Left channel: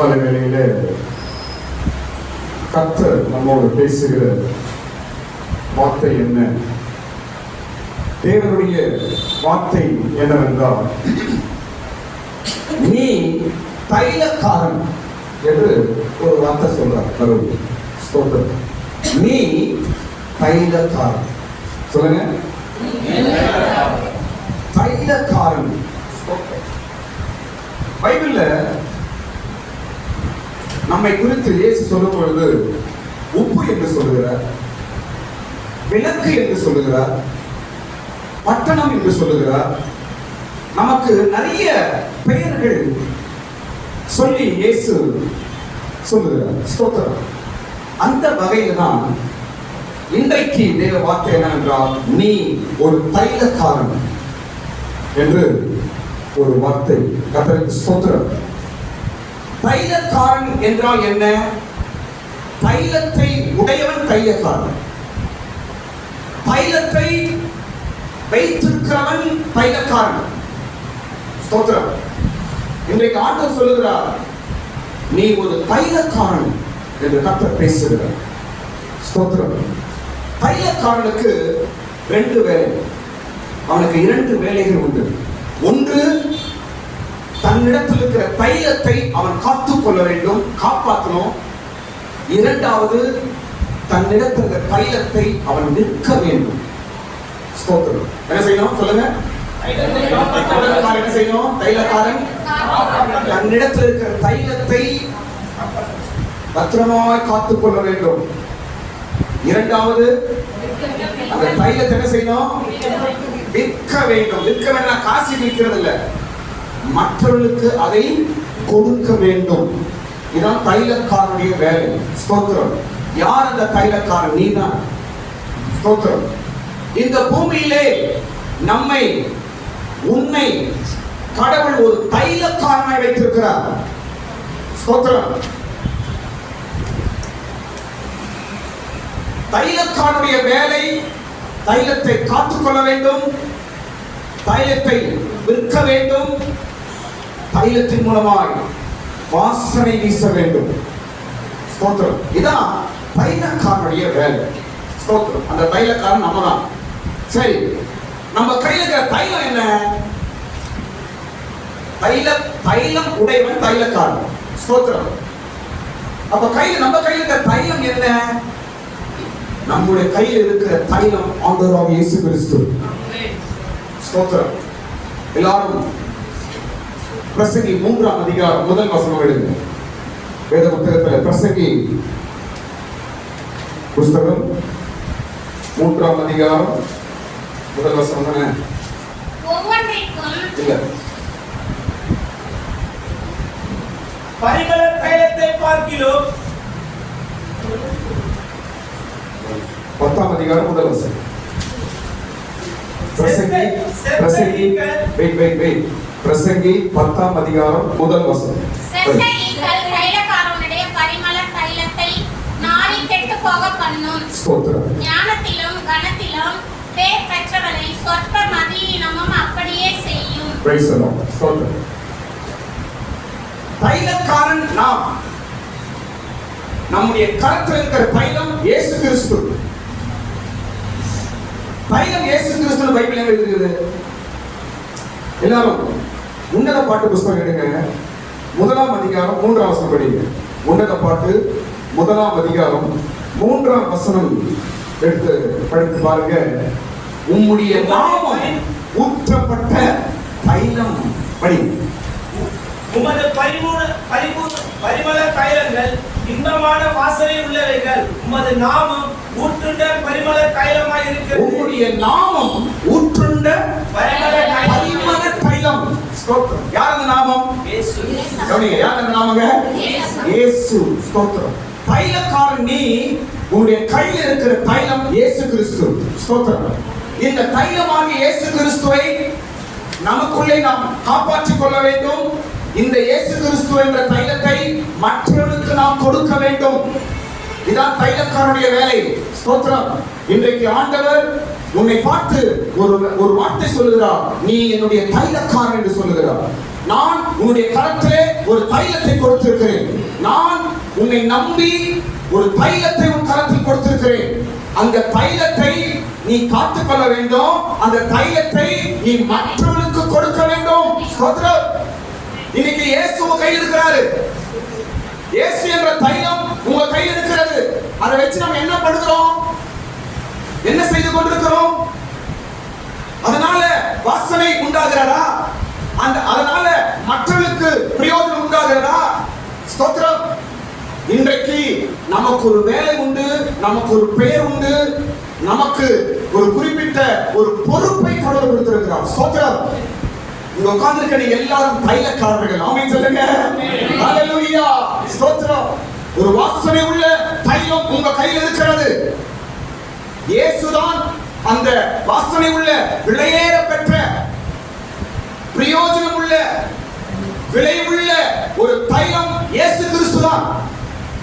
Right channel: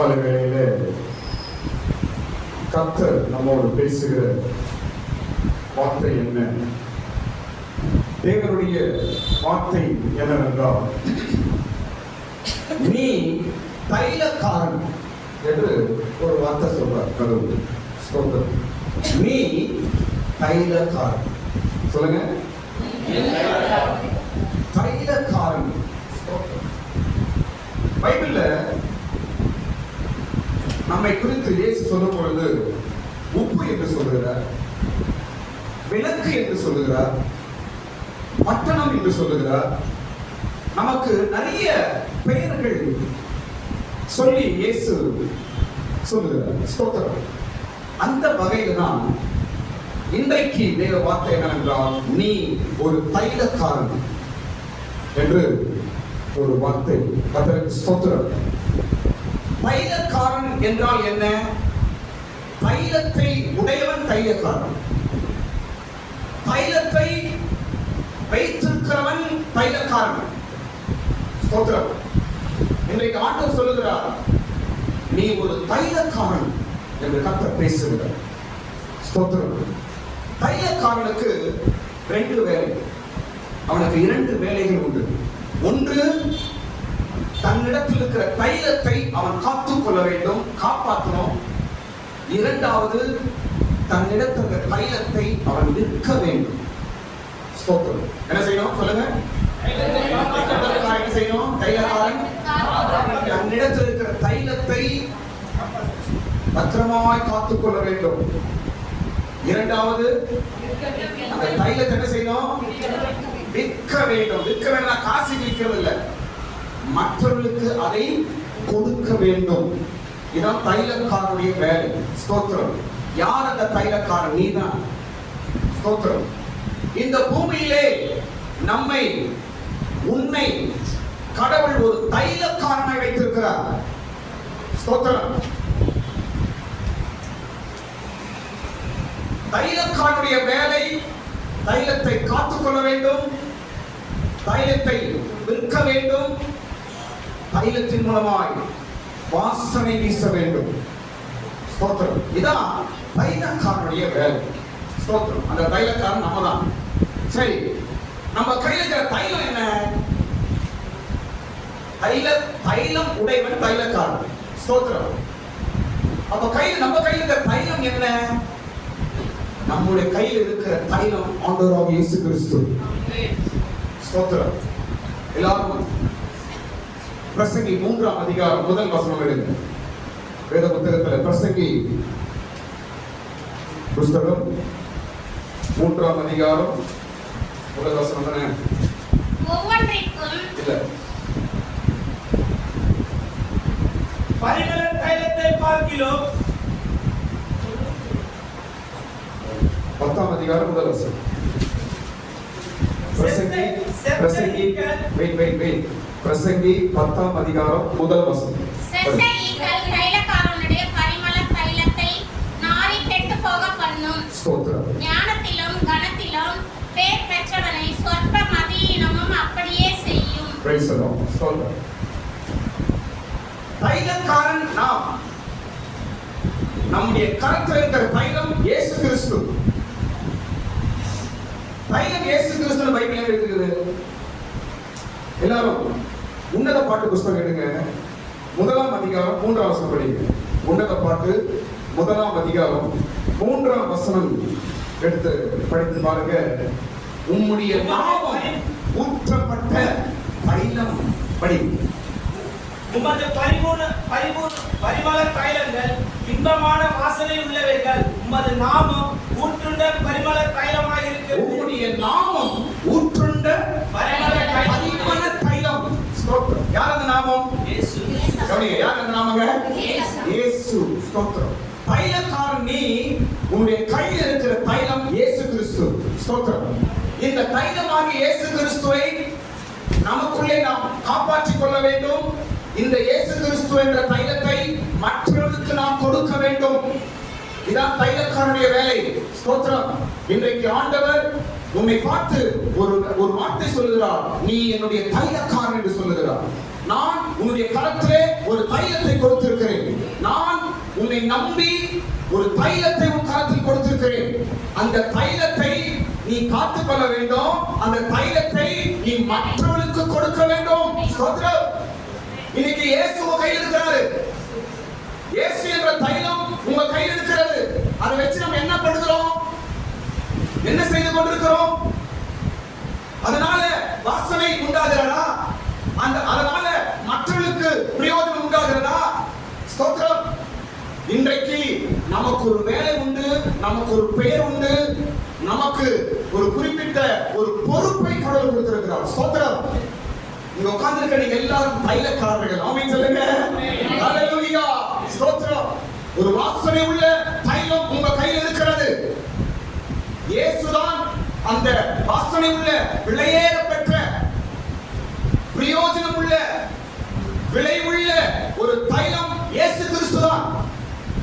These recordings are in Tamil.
காலை வேளையிலே கர்த்தர் நம்மோடு பேசுகிற வார்த்தை என்ன? தேவனுடைய வார்த்தை என்னவென்றால், நீ தைலக்காரன் என்று ஒரு வார்த்தை சொல்றார் கடவுள். ஸ்தோத்திரம். நீ தைலக்காரன். சொல்லுங்க, தைலக்காரன். பைபிள்ல நம்மை குறித்து இயேசு சொல்லும் பொழுது உப்பு என்று சொல்லுகிறார், விளக்கு என்று சொல்லுகிறார், பட்டணம் என்று சொல்லுகிறார். நமக்கு நிறைய பெயர்கள் சொல்லி இயேசு சொல்லுகிறார். ஸ்தோத்திரம். அந்த வகையில் தான் இன்றைக்கு தேவ வார்த்தை என்னவென்றால், நீ ஒரு தைலக்காரன் என்று ஒரு வார்த்தை. கர்த்தருக்கு ஸ்தோத்திரம். தைலக்காரன் என்றால் என்ன? தைலத்தை உடையவன் தைலக்காரன். தைலத்தை வைத்திருக்கிறவன் தைலக்காரன். ஸ்தோத்திரம். இன்றைக்கு ஆண்டவர் சொல்லுகிறார், நீ ஒரு தைலக்காரன் என்று கர்த்தர் பேசுகிறார். ஸ்தோத்திரம். தைலக்காரனுக்கு 2 வேலை. அவனுக்கு 2 வேலைகள் உண்டு. ஒன்று, தன்னிடத்தில் இருக்கிற தைலத்தை அவன் காத்துக் கொள்ள வேண்டும், காப்பாற்றணும். இரண்டாவது, தன்னிடத்தில் இருக்கிற தைலத்தை அவன் விற்க வேண்டும். ஸ்தோத்திரம். என்ன செய்யணும் சொல்லுங்க? என்ன செய்யணும்? தைலக்காரன் தன்னிடத்தில் இருக்கிற தைலத்தை பத்திரமாய் காத்துக் கொள்ள வேண்டும். இரண்டாவது, அந்த தைலத்தை என்ன செய்யணும்? விற்க வேண்டும். விற்க வேண்டாம், காசு விற்கிறது இல்லை, மற்றவர்களுக்கு அதை கொடுக்க வேண்டும். இதுதான் தைலக்காரனுடைய வேலை. ஸ்தோத்திரம். யார் அந்த தைலக்காரன்? நீதான். ஸ்தோத்திரம். இந்த பூமியிலே நம்மை, உன்னை கடவுள் ஒரு தைலக்காரனாய் வைத்திருக்கிறார். ஸ்தோத்திரம். தைலக்காரனுடைய வேலை தைலத்தை காத்துக்கொள்ள வேண்டும், தைலத்தை விற்க வேண்டும், தைலத்தின் மூலமாய் வாசனை வீச வேண்டும். ஸ்தோத்திரம். இதான் தைலக்காரனுடைய வேலை. ஸ்தோத்திரம். அந்த தைலக்காரன் நம்ம தான். சரி, நம்ம கையில் இருக்கிற தைலம் என்ன? தைலம் உடையவன் தைலக்காரன். ஸ்தோத்திரம். அப்ப கையில், நம்ம கையில் இருக்கிற தைலம் என்ன? நம்முடைய கையில் இருக்கிற தைலம் ஆண்டவராகிய இயேசு கிறிஸ்து. ஸ்தோத்திரம். எல்லாரும் பிரசங்கி 3ஆம் அதிகாரம் 1 வசனம் எடுங்க. வேத புத்தகத்தில் பிரசங்கி புஸ்தகம் 3ஆம் அதிகாரம் 1 வசனம் தானே? இல்ல, பரிமள தைலத்தை பார்க்கிலும் 10ஆம் அதிகாரம் 1 வசனம். பிரசங்கி 10ஆம் அதிகாரம் 1 வசனம். தைலக்காரனுடைய பரிமள தைலத்தை நாடி கெட்டுப் போக பண்ணும். ஸ்தோத்திரம். ஞானத்திலும் கனத்திலும் பேர் பெற்றவனை சொற்ப மதியினமும் அப்படியே செய்யும். Praise the Lord. ஸ்தோத்திரம். தைலக்காரன் நாம். நம்முடைய கரத்தில் இருக்கிற தைலம் இயேசு கிறிஸ்து. தைலம் இயேசு கிறிஸ்து பைபிள்ல இருக்குது. எல்லாரும் உன்னத பாட்டு புஸ்தகம் எடுங்க. 1ஆம் அதிகாரம் 3ஆம் வசனம் படிங்க. உன்னத பாட்டு 1ஆம் அதிகாரம் 3ஆம் வசனம் எடுத்து படித்து பாருங்க. உம்முடைய நாமம் ஊற்றப்பட்ட தைலம் படி. உமது பரிமள தைலங்கள் இன்பமான வாசனை உள்ளவைகள். உமது நாமம் ஊற்றுண்ட பரிமள தைலமாய் இருக்கிறது. உம்முடைய நாமம் ஊற்றுண்ட பரிமள தைலம். ஸ்தோத்திரம். யார் அந்த நாமம்? இயேசு. யார் அந்த நாமங்க? இயேசு. ஸ்தோத்திரம். தைலக்காரன் நீ. உன்னுடைய கையில் இருக்கிற தைலம் இயேசு கிறிஸ்து. ஸ்தோத்திரம். இந்த தைலமாகிய இயேசு கிறிஸ்துவை நமக்குள்ளே நாம் காப்பாற்றிக் கொள்ள வேண்டும். இந்த இயேசு கிறிஸ்து என்ற தைலத்தை மற்றவர்களுக்கு நாம் கொடுக்க வேண்டும். இதான் தைலக்காரனுடைய வேலை. ஸ்தோத்திரம். இன்றைக்கு ஆண்டவர் உன்னை பார்த்து ஒரு வார்த்தை சொல்லுகிறார். நீ என்னுடைய தைலக்காரன் என்று சொல்லுகிறார். நான் உன்னுடைய கரத்திலே ஒரு தைலத்தை கொடுத்திருக்கிறேன். உன்னை நம்பி ஒரு தைலத்தை உன் கரத்தில் கொடுத்திருக்கிறேன். அந்த தைலத்தை நீ காத்துக்கொள்ள வேண்டும். அந்த தைலத்தை நீ மற்றவர்களுக்கு கொடுக்க வேண்டும். ஸ்தோத்திரம். இன்னைக்கு இயேசு உங்க கையில் இருக்கிறாரு. இயேசு என்ற தைலம் உங்க கையில் இருக்கிறது. அதை வச்சு நம்ம என்ன பண்ணுகிறோம்? என்ன செய்து கொண்டிருக்கிறோம்? அதனால வாசனை உண்டாகிறதா? அதனால மற்றவர்களுக்கு பிரயோஜனம் உண்டாகிறதா? ஸ்தோத்திரம். இன்றைக்கு நமக்கு ஒரு வேலை உண்டு, நமக்கு ஒரு பெயர் உண்டு, நமக்கு ஒரு குறிப்பிட்ட ஒரு பொறுப்பை கடவுள் கொடுத்திருக்கிறார். ஸ்தோத்திரம். இங்க உட்கார்ந்திருக்கிற நீங்க எல்லாரும் தைலக்காரர்கள். ஆமென் சொல்லுங்க. ஹalleluya. ஸ்தோத்திரம். ஒரு வாசனை உள்ள தைலம் உங்க கையில் இருக்கிறது. இயேசுதான் அந்த வாசனை உள்ள விலையேற பெற்ற பிரயோஜனம் உள்ள விலை உள்ள ஒரு தைலம் இயேசு கிறிஸ்துதான்.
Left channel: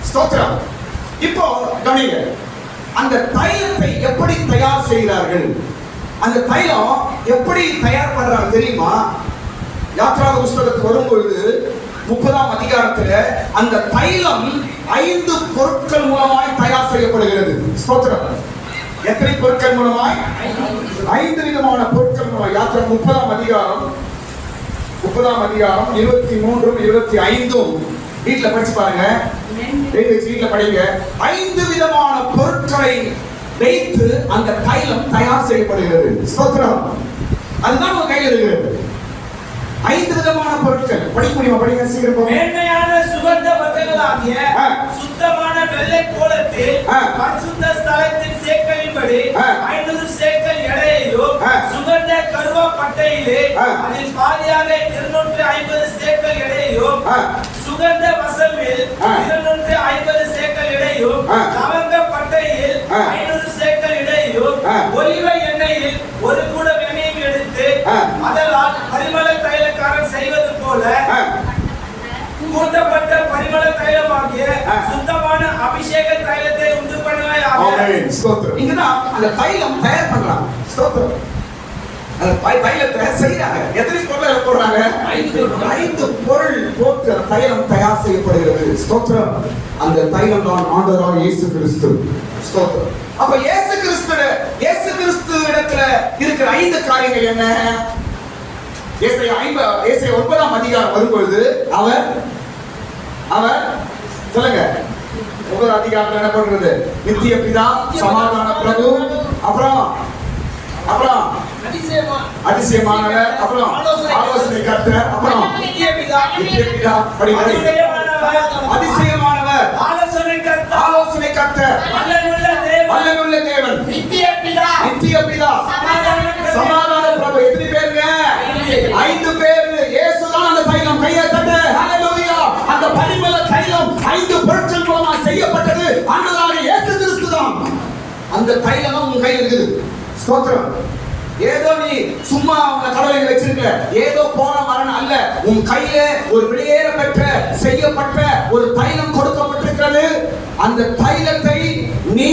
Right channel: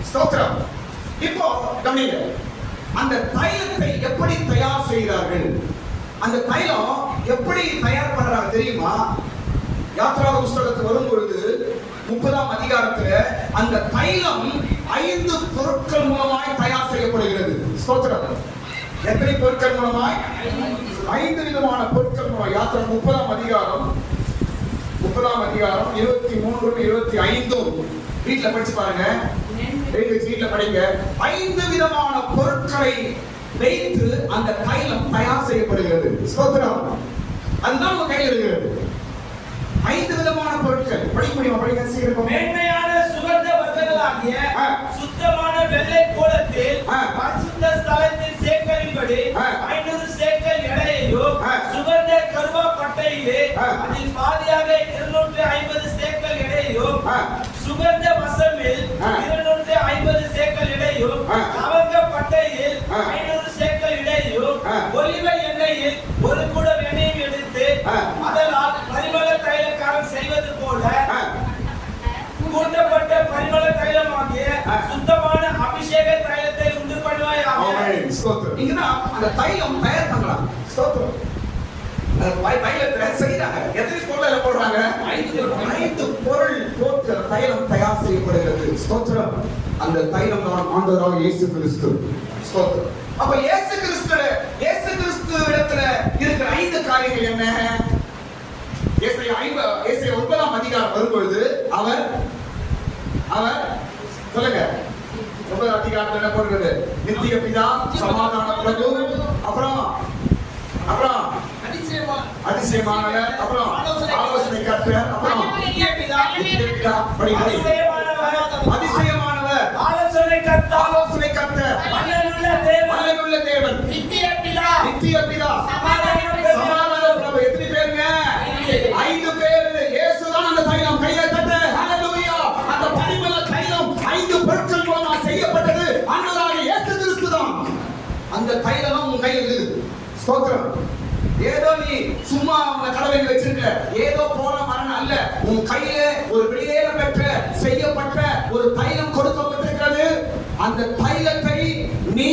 ஸ்தோத்திரம். இப்போ கவனிங்க, அந்த தைலத்தை எப்படி தயார் செய்கிறார்கள்? அந்த தைலம் எப்படி தயார் பண்றாங்க தெரியுமா? யாத்ராக புஸ்தகத்துக்கு வரும்பொழுது 30ஆம் அதிகாரத்துல அந்த தைலம் 5 பொருட்கள் மூலமாய் தயார் செய்யப்படுகிறது. ஸ்தோத்திரம். எத்தனை பொருட்கள் மூலமாய்? 5 விதமான பொருட்கள் மூலமாய். யாத்ராக 30ஆம் அதிகாரம் 23 25 வீட்டுல படிச்சு பாருங்க. வீட்டுல படிங்க. 5 விதமான பொருட்களை வைத்து அந்த தைலம் தயார் செய்யப்படுகிறது. ஸ்தோத்திரம். அதுதான் உங்க கையில் இருக்கிறது. 5 விதமான பொருட்கள். படிக்க முடியுமா? படிங்க சீக்கிரம். மேன்மையான சுகந்த வகைகளாகிய சுத்தமான வெள்ளை கோலத்தில் பரிசுத்த ஸ்தலத்தின் சேக்கலின்படி 500 சேக்கல் எடையையும், சுகந்த கருவா பட்டையிலே அதில் பாதியாக 250 சேக்கல் எடையையும், சுகந்த வசமில் 250 சேக்கல் எடையும், லவங்க பட்டையில் 500 சேக்கல் எடையும், ஒலிவ எண்ணெயில் 1 குடம் எண்ணெயும் எடுத்து அதனால் பரிமள தைலக்காரன் செய்வது போல கூட்டப்பட்ட பரிமள தைலமாகிய சுத்தமான அபிஷேக தைலத்தை உண்டு பண்ணுவாய். ஆமென். ஸ்தோத்திரம். இங்கதான் அந்த தைலம் தயார் பண்றாங்க. ஸ்தோத்திரம். அந்த தைலத்தை செய்யறாங்க. எத்தனை பொருள் போடுறாங்க? 5 பொருள் போட்டு தைலம் தயார் செய்யப்படுகிறது. ஸ்தோத்திரம். அந்த தைலம் தான் ஆண்டவராகிய இயேசு கிறிஸ்து. ஸ்தோத்திரம். அப்ப இயேசு கிறிஸ்து இடத்துல இருக்கிற 5 காரியங்கள் என்ன? ஏசாயா 9ஆம் அதிகாரம் வரும்பொழுது அவர் சொல்லுங்க. 9ஆம் அதிகாரத்துல என்ன பண்றது? நித்திய பிதா, சமாதான பிரபு, அப்புறம் அதிசயமானவர், அப்புறம் ஆலோசனை கர்த்தர், அப்புறம் நித்திய பிதா படிக்கிறது. அதிசயமானவர், ஆலோசனை கர்த்தர், வல்லமையுள்ள தேவன், நித்திய பிதா, சமாதான பிரபு. எத்தனை பேருங்க? 5 பேர். இயேசுதான் அந்த தைலம். கையை தட்ட. ஹalleluya. அந்த பரிமள தைலம் 5 பொருட்கள் மூலமா செய்யப்பட்டது. ஆண்டவராகிய இயேசு கிறிஸ்துதான். அந்த தைலம் உங்க கையில் இருக்குது. ஸ்தோத்திரம். ஏதோ நீ சும்மா உங்க கடவுளை வச்சிருக்க, ஏதோ போன மரணம் அல்ல. உன் கையில ஒரு வெளியேற பெற்ற செய்யப்பட்ட ஒரு தைலம் கொடுக்கப்பட்டிருக்கிறது. அந்த தைலத்தை நீ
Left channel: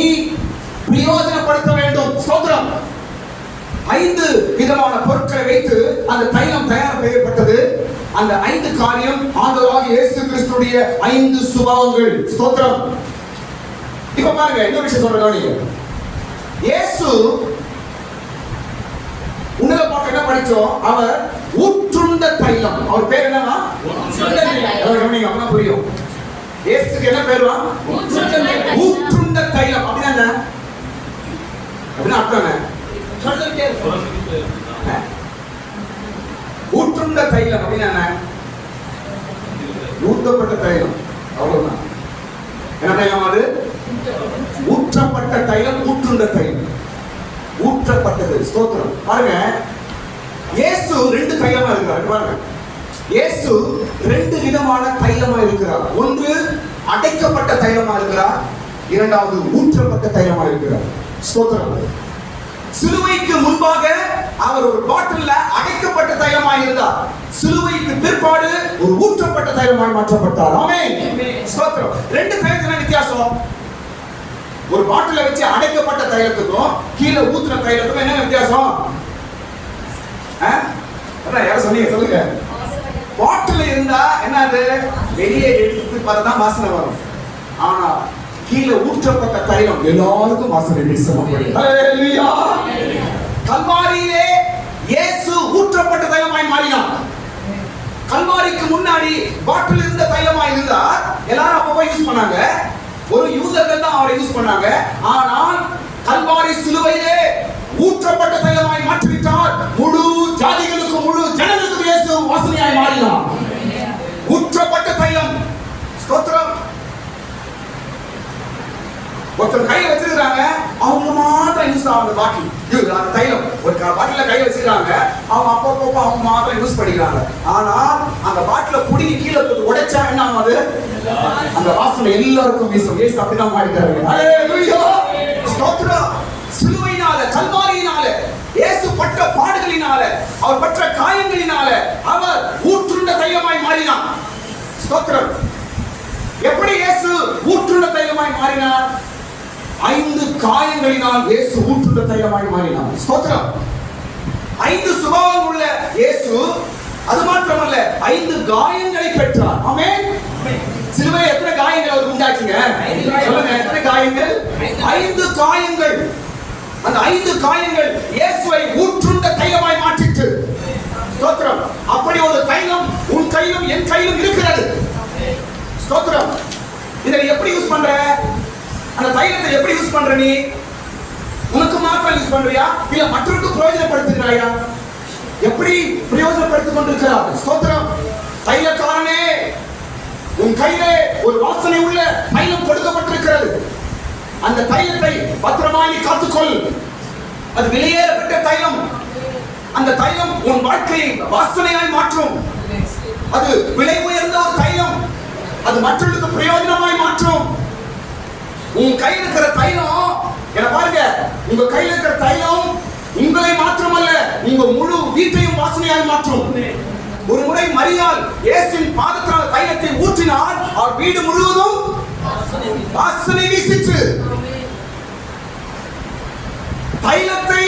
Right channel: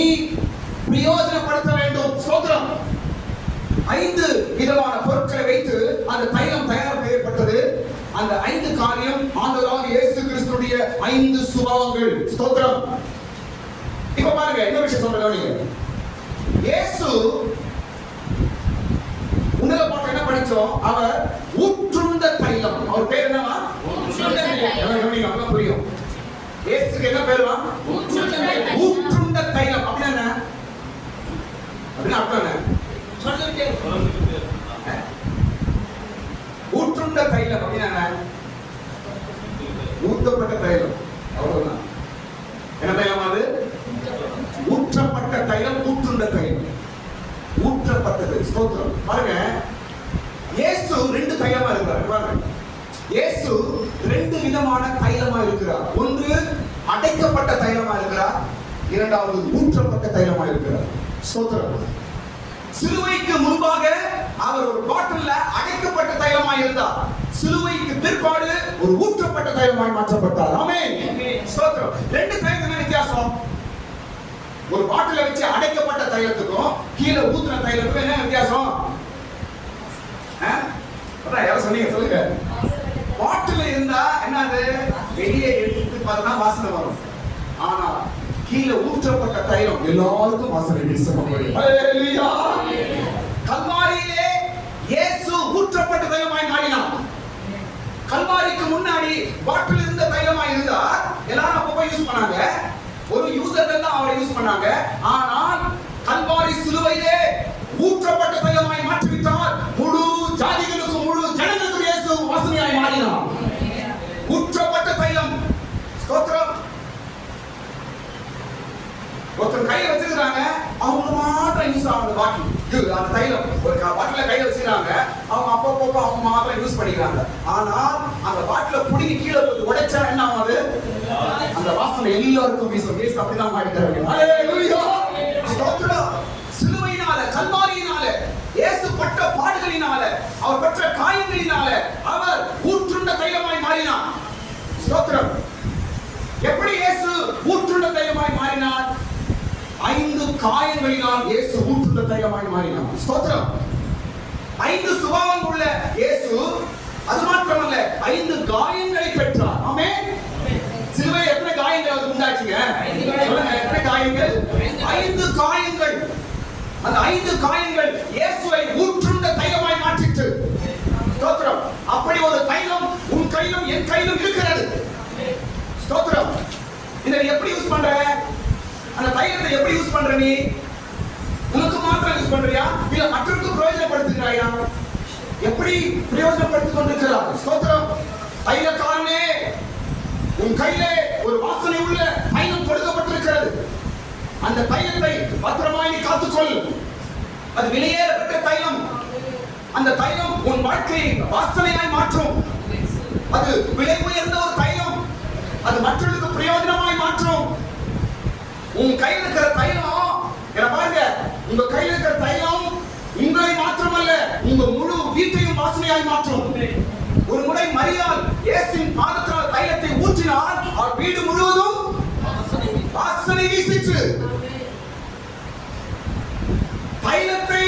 பிரயோஜனப்படுத்த வேண்டும். ஸ்தோத்திரம். 5 விதமான பொருட்களை வைத்து அந்த தைலம் தயார் செய்யப்பட்டது. அந்த 5 காரியம் ஆண்டவராகிய இயேசு கிறிஸ்துடைய 5 சுபாவங்கள். ஸ்தோத்திரம். இப்ப பாருங்க, இன்னொரு விஷயம் சொல்றேன். இயேசு உன்னத பாட்டு என்ன படிச்சோம்? அவர் ஊற்றுண்ட தைலம். அவர் பேர் என்னவா? ஊற்றுண்ட. அப்பதான் புரியும். இயேசுக்கு என்ன பேருவா? ஊற்றுண்ட தைலம். அப்படின்னா என்ன? அப்படின்னா அர்த்தம் என்ன? ஊற்றுண்ட தைலம் அப்படின்னா என்ன? ஊற்றப்பட்ட தைலம். அவ்வளவுதான். என்ன தைலம் அது? ஊற்றப்பட்ட தைலம், ஊற்றுண்ட தைலம். ஊற்றப்பட்டது. ஸ்தோத்திரம். பாருங்க, இயேசு 2 தைலமா இருக்கிறார். பாருங்க, இயேசு 2 விதமான தைலமா இருக்கிறார். ஒன்று அடைக்கப்பட்ட தைலமா இருக்கிறார், இரண்டாவது ஊற்றப்பட்ட தைலமா இருக்கிறார். ஸ்தோத்திரம். சிலுவைக்கு முன்பாக அவர் ஒரு பாட்டில்ல அடைக்கப்பட்ட தைலமாய் இருந்தார். சிலுவைக்கு பிற்பாடு ஒரு ஊற்றப்பட்ட தைலமாய் மாற்றப்பட்டார். ஆமென். ஸ்தோத்திரம். 2 தைலத்துக்கு வித்தியாசம். ஒரு பாட்டில வச்சு அடைக்கப்பட்ட தைலத்துக்கும் கீழே ஊத்துற தைலத்துக்கும் என்ன வித்தியாசம்? யாரும் சொன்னீங்க? சொல்லுங்க. பாட்டில் இருந்தா என்னது? வெளியே எடுத்து பார்த்தா வாசனை வரும். ஆனா கீழே ஊற்றப்பட்ட தைலம் எல்லாருக்கும் வாசனை வீசும். ஹல்லேலூயா. கல்வாரியிலே இயேசு ஊற்றப்பட்ட தைலமாய் மாறினார். கல்வாரிக்கு முன்னாடி பாட்டில் இருந்த தைலமாய் இருந்தார். எல்லாரும் அப்பப்போ யூஸ் பண்ணாங்க. ஒரு யூதர்கள் தான் அவரை யூஸ் பண்ணாங்க. ஆனால் கல்வாரி சிலுவையிலே ஊற்றப்பட்ட தைலமாய் மாற்றிவிட்டார். முழு ஜாதிகளுக்கும் முழு ஜனங்களுக்கும் இயேசு வாசனையாய் மாறினார். ஊற்றப்பட்ட தைலம். ஸ்தோத்திரம். ஒருத்தர் கையில வச்சிருக்காங்க, அவங்க மாத்திரம் யூஸ் ஆகுது பாட்டில். அந்த தைலம் ஒரு பாட்டில கையில வச்சிருக்காங்க, அவங்க அப்பப்போ அவங்க மாத்திரம் யூஸ் பண்ணிக்கிறாங்க. ஆனா அந்த பாட்டில புடிங்கி கீழே உடைச்சா என்ன ஆகுது? அந்த வாசனை எல்லாருக்கும் வீசும். இயேசு அப்படிதான் மாறிட்டாரு. ஹல்லேலூயா. ஸ்தோத்திரம். சிலுவையினால, கல்வாரியினால, இயேசு பட்ட பாடுகளினால, அவர் பட்ட காயங்களினால அவர் ஊற்றுண்ட தைலமாய் மாறினார். ஸ்தோத்திரம். எப்படி இயேசு ஊற்றுண்ட தைலமாய் மாறினார்? 5 காயங்களினால் இயேசு ஊற்றுண்ட தைலமாய் மாறினார். ஸ்தோத்திரம். 5 சுபாவம் உள்ள இயேசு அது மாத்திரமல்ல 5 காயங்களை பெற்றார். ஆமென். சிலுவையில் எத்தனை காயங்கள் அவருக்கு உண்டாச்சுங்க? சொல்லுங்க, எத்தனை காயங்கள்? 5 காயங்கள். அந்த 5 காயங்கள் இயேசுவை ஊற்றுண்ட தைலமாய் மாற்றிற்று. ஸ்தோத்திரம். அப்படி ஒரு தைலம் உன் கையிலும் என் கையிலும் இருக்கிறது. ஸ்தோத்திரம். இதை எப்படி யூஸ் பண்ற? அந்த தைலத்தை எப்படி யூஸ் பண்ற? நீ உனக்கு மாத்திரம் யூஸ் பண்றியா, இல்ல மற்றவருக்கு பிரயோஜனப்படுத்துகிறாயா? எப்படி பிரயோஜனப்படுத்திக் கொண்டிருக்கிறார்? ஸ்தோத்திரம். தைலக்காரனே, உன் கையிலே ஒரு வாசனை உள்ள தைலம் கொடுக்கப்பட்டிருக்கிறது. அந்த தைலத்தை பத்திரமாய் நீ காத்துக்கொள். அது வெளியேறப்பட்ட தைலம். அந்த தைலம் உன் வாழ்க்கையை வாசனையாய் மாற்றும். அது விலை உயர்ந்த ஒரு தைலம். அது மற்றவர்களுக்கு பிரயோஜனமாய் மாற்றும். உன் கையில் இருக்கிற தைலம், என்ன பாருங்க, உங்க கையில் இருக்கிற தைலம் உங்களை மாற்றமல்ல, உங்க முழு வீட்டையும் வாசனையாய் மாற்றும். ஒரு முறை மரியாள் இயேசுவின் பாதத்தால் தைலத்தை ஊற்றினார். அவர் வீடு முழுவதும் வாசனை வீசிற்று. தைலத்தை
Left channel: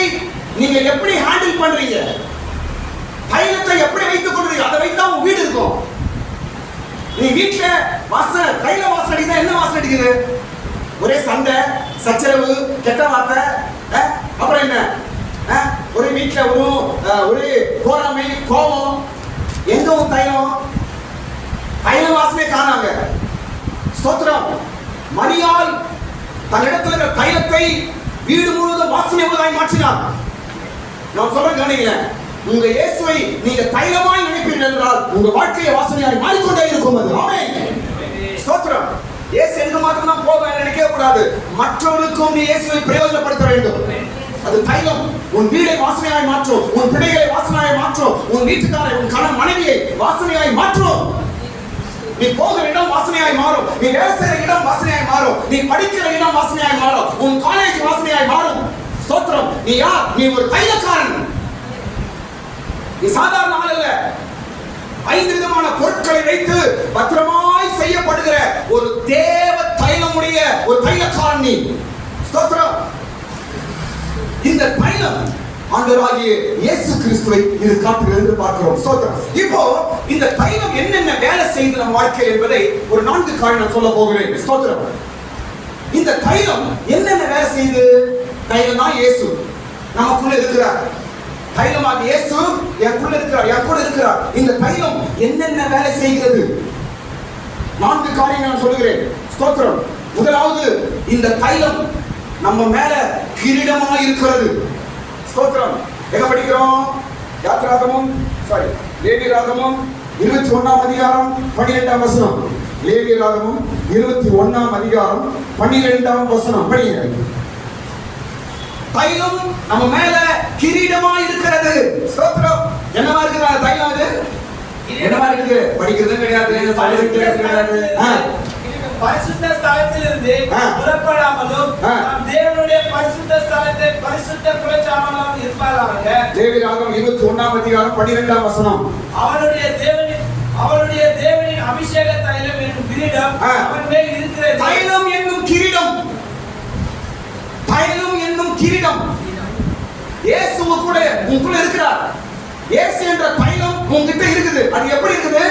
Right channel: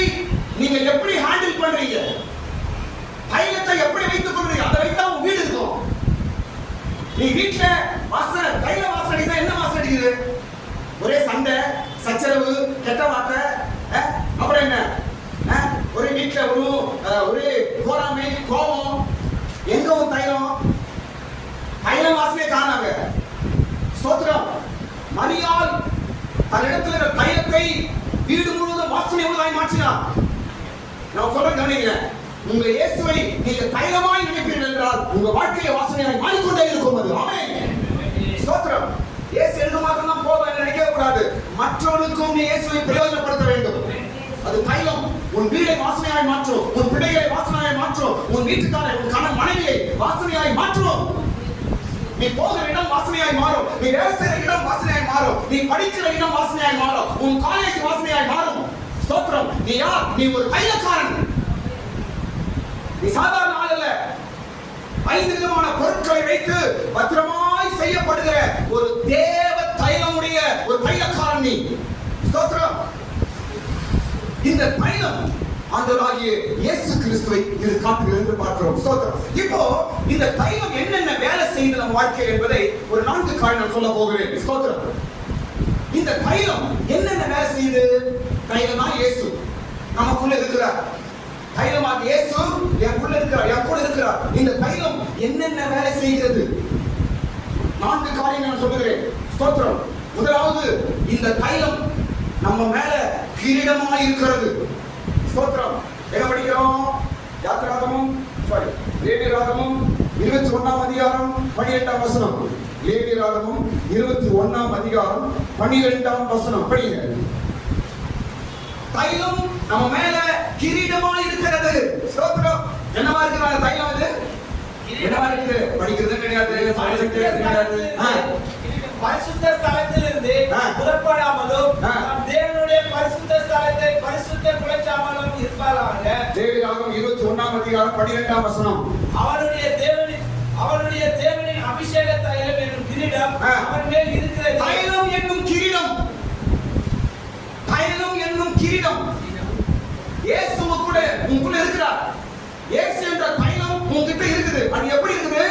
நீங்க எப்படி ஹேண்டில் பண்றீங்க? தைலத்தை எப்படி வைத்துக் கொள்றீங்க? அதை வைத்தா உங்க வீடு இருக்கும். நீ வீட்டுல வாசனை, தைல வாசனை அடிக்குதா? என்ன வாசனை அடிக்குது? ஒரே சண்டை, சச்சரவு, கெட்ட வார்த்தை. அப்புறம் என்ன? ஒரு வீட்டுல ஒரு கோராமை, கோபம். எங்க ஒரு தைலம்? தைல வாசனை காணாங்க. ஸ்தோத்திரம். மரியாள் தன்னிடத்தில் இருக்கிற தைலத்தை வீடு முழுவதும் வாசனை உள்ளதாய் மாற்றினார். நான் சொல்றேன், கவனிங்க. உங்க இயேசுவை நீங்க தைலமாய் நினைப்பீர்கள் என்றால் உங்க வாழ்க்கையை வாசனையாய் மாறிக்கொண்டே இருக்கும். அது ஆமென். ஸ்தோத்திரம். இயேசு எனக்கு மாத்திரம் தான் போக நினைக்கவே கூடாது. மற்றவர்களுக்கும் நீ இயேசுவை பிரயோஜனப்படுத்த வேண்டும். அது தைலம் உன் வீடை வாசனையாய் மாற்றும். உன் பிள்ளைகளை வாசனையாய் மாற்றும். உன் வீட்டுக்காரை, உன் கணவன் மனைவியை வாசனையாய் மாற்றும். நீ போகிற இடம் வாசனையாய் மாறும். நீ வேலை செய்கிற இடம் வாசனையாய் மாறும். நீ படிக்கிற இடம் வாசனையாய் மாறும். உன் காலேஜ் வாசனையாய் மாறும். ஸ்தோத்திரம். நீ யார்? நீ ஒரு தைலக்காரன். நீ சாதாரண ஆள் அல்ல. 5 விதமான பொருட்களை வைத்து பத்திரமாய் செய்யப்படுகிற ஒரு தேவ தைலமுடைய ஒரு தைலக்காரன் நீ. ஸ்தோத்திரம். இந்த தைலம் ஆண்டவராகிய இயேசு கிறிஸ்துவை இது காட்டுகிறது என்று பார்க்கிறோம். ஸ்தோத்திரம். இப்போ இந்த தைலம் என்னென்ன வேலை செய்து நம் வாழ்க்கையில் என்பதை ஒரு 4 காரணம் சொல்ல போகிறேன். ஸ்தோத்திரம். இந்த தைலம் என்னென்ன வேலை செய்து? தைலம் தான் இயேசு நமக்குள்ள இருக்கிறார். தைலமாக இயேசு எனக்குள்ள இருக்கிறார், என் கூட இருக்கிறார். இந்த தைலம் என்னென்ன வேலை செய்கிறது? 4 காரியங்கள் நான் சொல்கிறேன். ஸ்தோத்திரம். முதலாவது, இந்த தைலம் நம்ம மேல கிரீடமாய் இருக்கிறது. ஸ்தோத்திரம். என்ன படிக்கிறோம்? யாத்திராகமம், லேவியராகமம் 21ஆம் அதிகாரம் 12ஆம் வசனம். லேவியராகமம் 21ஆம் அதிகாரம் 12ஆம் வசனம் படிங்க. தைலம் நம்ம மேல கிரீடமாய் இருக்கிறது. ஸ்தோத்திரம். என்னவா இருக்கிறது தைலம்? இது என்னவா இருக்குது? படிக்கிறது கிடையாது, பரிசுத்த ஸ்தலத்திலிருந்து புறப்படாமலும் நம் தேவனுடைய பரிசுத்த ஸ்தலத்தை பரிசுத்த குலைச்சாமலும் இருப்பாராக. லேவியராகமம் 21ஆம் அதிகாரம் 12ஆம் வசனம். அவருடைய தேவனின் அபிஷேக தைலம் என்னும் கிரீடம் அவன் மேல் இருக்கிறது. தைலம் என்னும் கிரீடம். தைலம் என்னும் கிரீடம் இயேசு கூட உங்களுக்குள்ள இருக்கிறார். இயேசு என்ற தைலம் உங்ககிட்ட இருக்குது. அது எப்படி இருக்குது?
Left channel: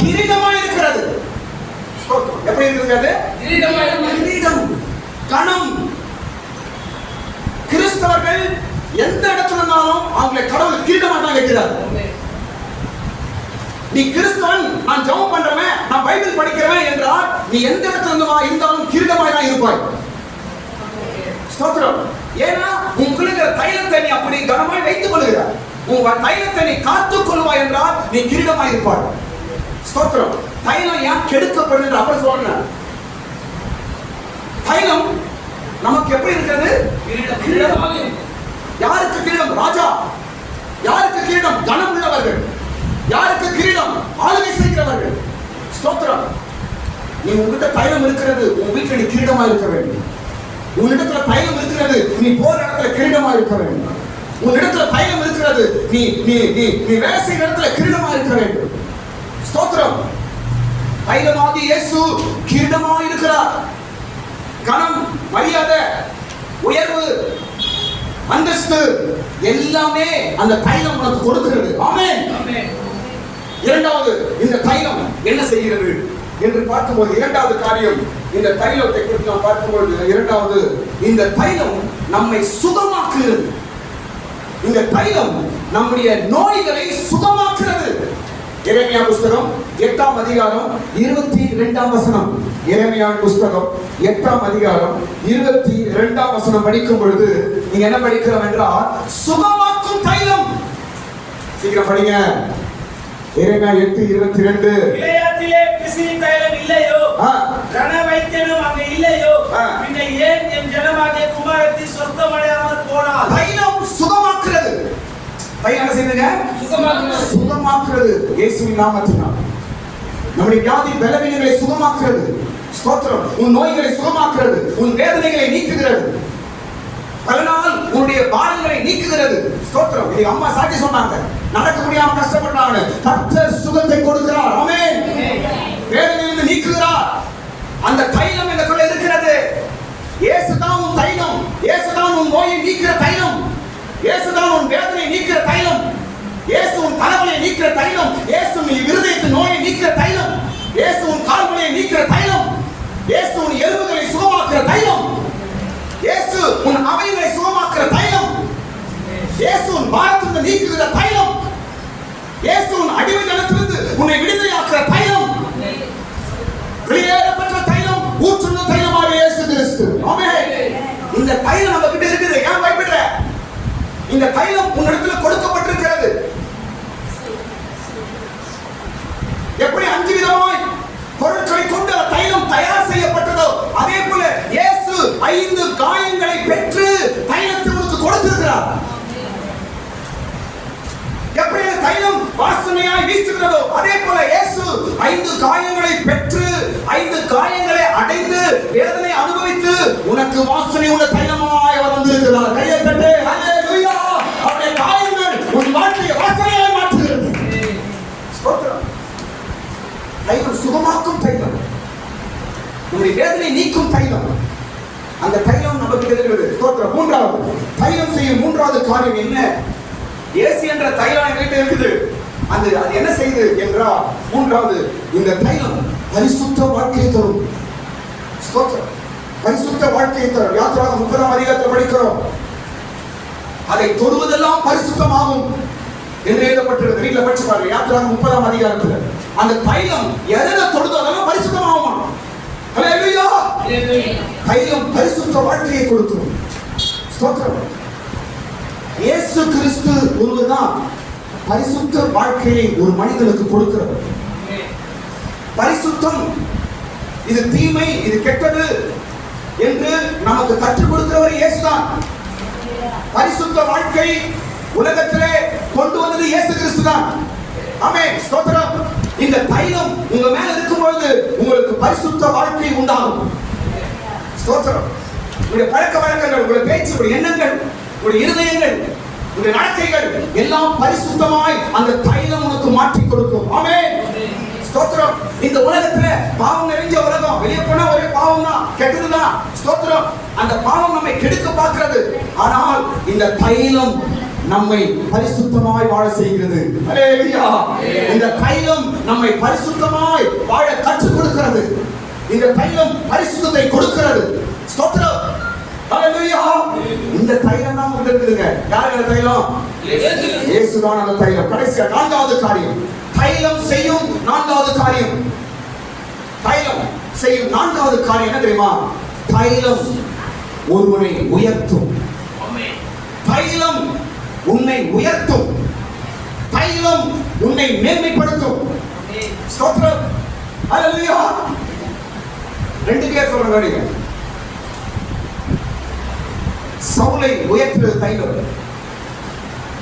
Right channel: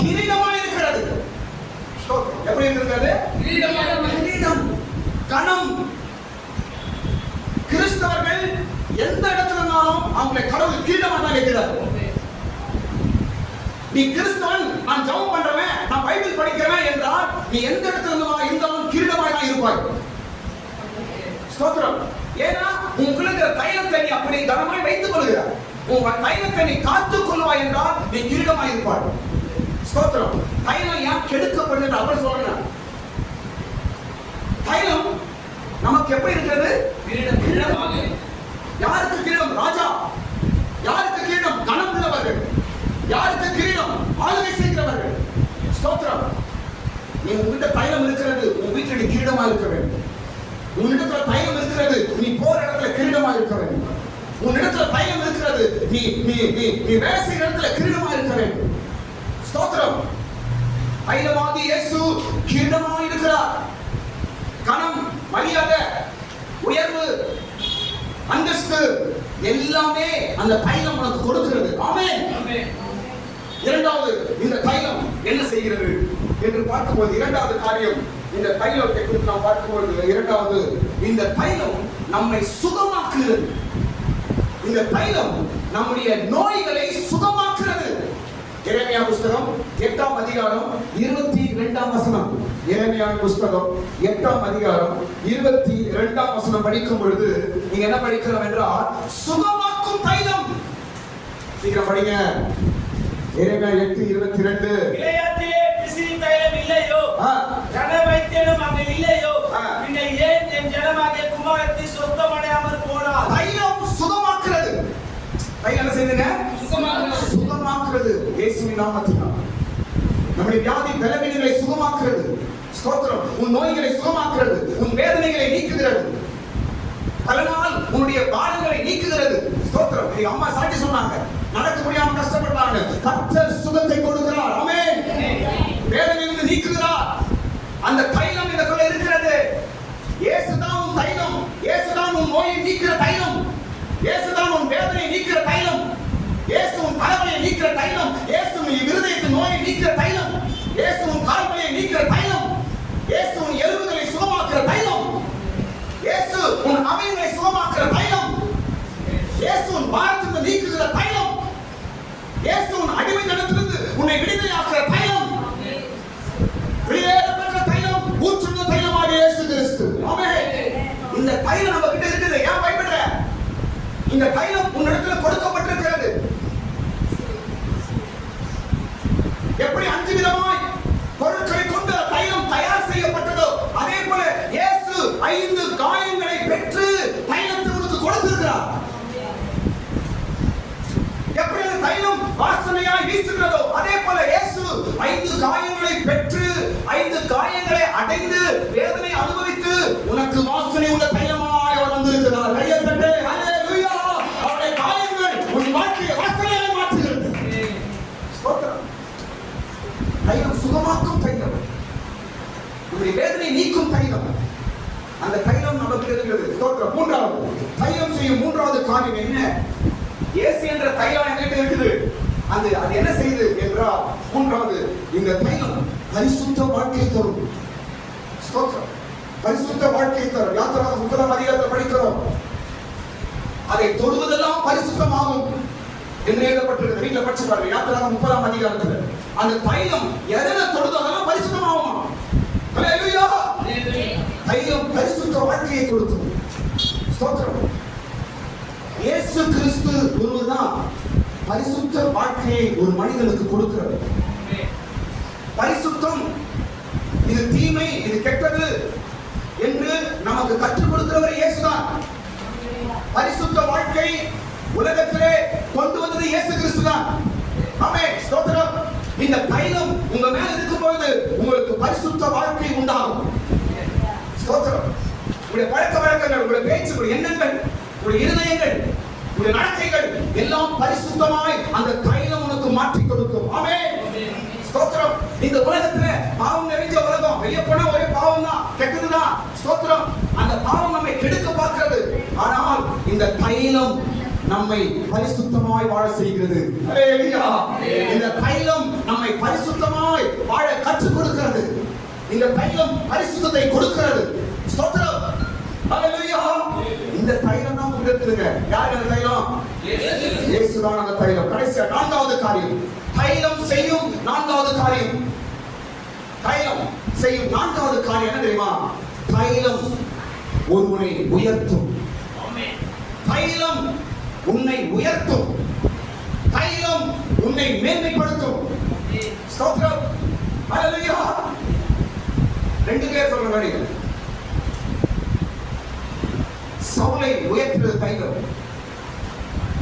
கிரீடமாய் இருக்கிறது. எப்படி எப்படி இருக்குது? கிரீடம், கணம். கிறிஸ்தவர்கள் எந்த இடத்துல இருந்தாலும் அவங்களை கடவுள் கிரீடமாக தான் வைக்கிறார். நீ கிறிஸ்தவன், நான் ஜெபம் பண்றவன், நான் பைபிள் படிக்கிறவன் என்றால் நீ எந்த இடத்துல இருந்தாலும் கிரீடமாய் தான் இருப்பாய். ஸ்தோத்திரம். ஏன்னா உங்களுக்குள்ள இருக்கிற தைலத்தை நீ அப்படி கனமாய் வைத்துக் கொள்கிறாய். உன் தைலத்தை நீ காத்துக் கொள்வாய் என்றால் நீ கிரீடமாய் இருப்பாய். ஸ்தோத்திரம். தைலம் ஏன் கெடுக்கப்படுது அப்படி சொல்றேன். தைலம் நமக்கு எப்படி இருக்கிறது? கிரீடம். யாருக்கு கிரீடம்? ராஜா. யாருக்கு கிரீடம்? கனம் உள்ளவர்கள். யாருக்கு கிரீடம்? ஆளுகை செய்கிறவர்கள். ஸ்தோத்திரம். நீ உன்கிட்ட தைலம் இருக்கிறது, உன் வீட்டில் நீ கிரீடமா இருக்க வேண்டும். உன்னிடத்துல தைலம் இருக்கிறது, நீ போற இடத்துல கிரீடமா இருக்க வேண்டும். உன்னிடத்துல தைலம் இருக்கிறது, நீ நீ நீ நீ வேலை செய்கிற இடத்துல கிரீடமா இருக்க வேண்டும். ஸ்தோத்திரம். தைலமாகி இயேசு கிரீடமா இருக்கிறார். கனம், மரியாதை, உயர்வு, அந்தஸ்து எல்லாமே அந்த தைலம் உனக்கு கொடுக்கிறது. ஆமென். இரண்டாவது, இந்த தைலம் என்ன செய்கிறது என்று பார்க்கும்போது இரண்டாவது காரியம், இந்த தைலத்தை குறித்து நாம் பார்க்கும்போது இரண்டாவது, இந்த தைலம் நம்மை சுகமாக்குகிறது. இந்த தைலம் நம்முடைய நோய்களை சுகமாக்குறது. எரேமியா புஸ்தகம் 8ஆம் அதிகாரம் 22ஆம் வசனம். எரேமியா புஸ்தகம் 8ஆம் அதிகாரம் 22ஆம் வசனம் படிக்கும் பொழுது நீங்க என்ன படிக்கிறோம் என்றால் சுகமாக்கும் தைலம். சீக்கிரம் படிங்க. எரேமியா 8:22. இளையாத்திலே பிசின் தைலம் இல்லையோ, கன வைத்தியனும் அங்கு இல்லையோ, பின்ன ஏன் என் ஜனமாகிய குமாரத்தி சொத்தமடையாமல் போனார்? தைலம் சுகமாக்குறது. தைலம் என்ன செய்யுதுங்க? சுகமாக்குறது. இயேசுவின் நாமத்தினால் நம்முடைய வியாதி பலவீனங்களை சுகமாக்குறது. ஸ்தோத்திரம். உன் நோய்களை சுகமாக்குறது, உன் வேதனைகளை நீக்குகிறது, பல நாள் உன்னுடைய பாரங்களை நீக்குகிறது. ஸ்தோத்திரம். இது அம்மா சாட்சி சொன்னாங்க. நடக்க முடியாம கஷ்டப்பட்டாங்க, கர்த்தர் சுகத்தை கொடுக்கிறார். ஆமென். வேதனையிலிருந்து நீக்குகிறார். அந்த தைலம் எனக்குள்ள இருக்கிறது. இயேசுதான் உன் தைலம். இயேசுதான் உன் நோயை நீக்கிற தைலம். இயேசுதான் உன் வேதனையை நீக்கிற தைலம். இயேசு உன் தலைவலியை நீக்கிற தைலம். இயேசு உன் இருதயத்தின் நோயை நீக்கிற தைலம். இயேசு உன் கால்வலியை நீக்கிற தைலம். இயேசு உன் எலும்புகளை சுகமாக்குற தைலம். இயேசு உன் அவயங்களை சுகமாக்குற தைலம். இயேசு உன் பாரத்திலிருந்து நீக்குகிற தைலம். இயேசு உன் அடிமைத்தனத்திலிருந்து உன்னை விடுதலையாக்குற தைலம். வெளியேறப்பட்ட தைலம், ஊற்றுள்ள தைலமாக இயேசு கிறிஸ்து. ஆமென். இந்த தைலம் நம்ம கிட்ட இருக்குது. ஏன் பயப்படுற? இந்த தைலம் உன்னிடத்துல கொடுக்கப்பட்டிருக்கிறது. எப்படி 5 விதமாய் பொருட்களை கொண்டு தைலம் தயார் செய்யப்பட்டதோ அதே போல இயேசு 5 காயங்களை பெற்று தைலத்தை உனக்கு கொடுத்திருக்கிறார். எப்படி தைலம் வாசனையாய் வீசுகிறதோ அதே போல இயேசு 5 காயங்களை பெற்று 5 காயங்களை அடைந்து வேதனை அனுபவித்து உனக்கு வாசனை உள்ள தைலமாய் அவர் வந்திருக்கிறார். கையை தட்டு. ஹல்லேலூயா. அவருடைய காயங்கள் உன் வாழ்க்கையை வாசனையாய் மாற்றுகிறது. ஸ்தோத்திரம். தைலம் சுகமாக்கும் தைலம், நம்முடைய வேதனை நீக்கும் தைலம். அந்த தைலம் நமக்கு இருக்கிறது. ஸ்தோத்திரம். மூன்றாவது, தைலம் செய்யும் மூன்றாவது காரியம் என்ன? இயேசு என்ற தைலம் என்கிட்ட இருக்குது. அது என்ன செய்யுது என்றால் மூன்றாவது, இந்த தைலம் பரிசுத்த வாழ்க்கையை தரும். ஸ்தோத்திரம். பரிசுத்த வாழ்க்கையை தரும். யாத்திராகமம் 30ஆம் அதிகாரத்தில் படிக்கிறோம். அதை தொடுவதெல்லாம் பரிசுத்தமாகும் என்று எழுதப்பட்டிருக்கு. வீட்டில் படிச்சு பாருங்க. யாத்திராகமம் 30ஆம் அதிகாரத்தில் அந்த தைலம் எதை தொடுவதெல்லாம் பரிசுத்தமாகுமா? ஹல்லேலூயா. தைலம் பரிசுத்த வாழ்க்கையை கொடுக்கும். ஸ்தோத்திரம். இயேசு கிறிஸ்து ஒருவர்தான் பரிசுத்த வாழ்க்கையை ஒரு மனிதனுக்கு கொடுக்கிறது. பரிசுத்தம் இது தீமை, இது கெட்டது என்று நமக்கு கற்றுக் கொடுக்கிறவர் இயேசுதான். பரிசுத்த வாழ்க்கை உலகத்திலே கொண்டு வந்தது இயேசு கிறிஸ்துதான். ஆமென். ஸ்தோத்திரம். இந்த தைலம் உங்க மேல இருக்கும் பொழுது உங்களுக்கு பரிசுத்த வாழ்க்கை உண்டாகும். ஸ்தோத்திரம். உங்களுடைய பழக்க வழக்கங்கள், உங்களுடைய பேச்சு, உங்களுடைய எண்ணங்கள், உங்களுடைய இருதயங்கள், உங்களுடைய நடத்தைகள் எல்லாம் பரிசுத்தமாய் அந்த தைலம் உனக்கு மாற்றி கொடுக்கும். ஆமென். ஸ்தோத்திரம். இந்த உலகத்துல பாவம் நிறைஞ்ச உலகம். வெளியே போனா ஒரே பாவம் தான், கெட்டதுதான். ஸ்தோத்திரம். அந்த பாவம் நம்மை கெடுக்க பார்க்கிறது. ஆனால் இந்த தைலம் நம்மை பரிசுத்தமாய் வாழ செய்கிறது. ஹல்லேலூயா. இந்த தைலம் நம்மை பரிசுத்தமாய் வாழ கற்றுக் கொடுக்கிறது. இந்த தைலம் பரிசுத்தத்தை கொடுக்கிறது. ஸ்தோத்திரம். ஹalleluya. இந்த தைலம் தான் உங்களுக்கு இருக்குதுங்க. யார் இந்த தைலம்? இயேசு தான் அந்த தைலம். கடைசியா நான்காவது காரியம், தைலம் செய்யும் நான்காவது காரியம். தைலம் செய்யும் நான்காவது காரியம் என்ன தெரியுமா? தைலம் ஒருவனை உயர்த்தும். தைலம் உன்னை உயர்த்தும். தைலம் உன்னை மேன்மைப்படுத்தும். ஸ்தோத்திரம். ஹalleluya. ரெண்டு பேர் சொல்றாங்க. சவுலை உயர்த்துறது தைலம்,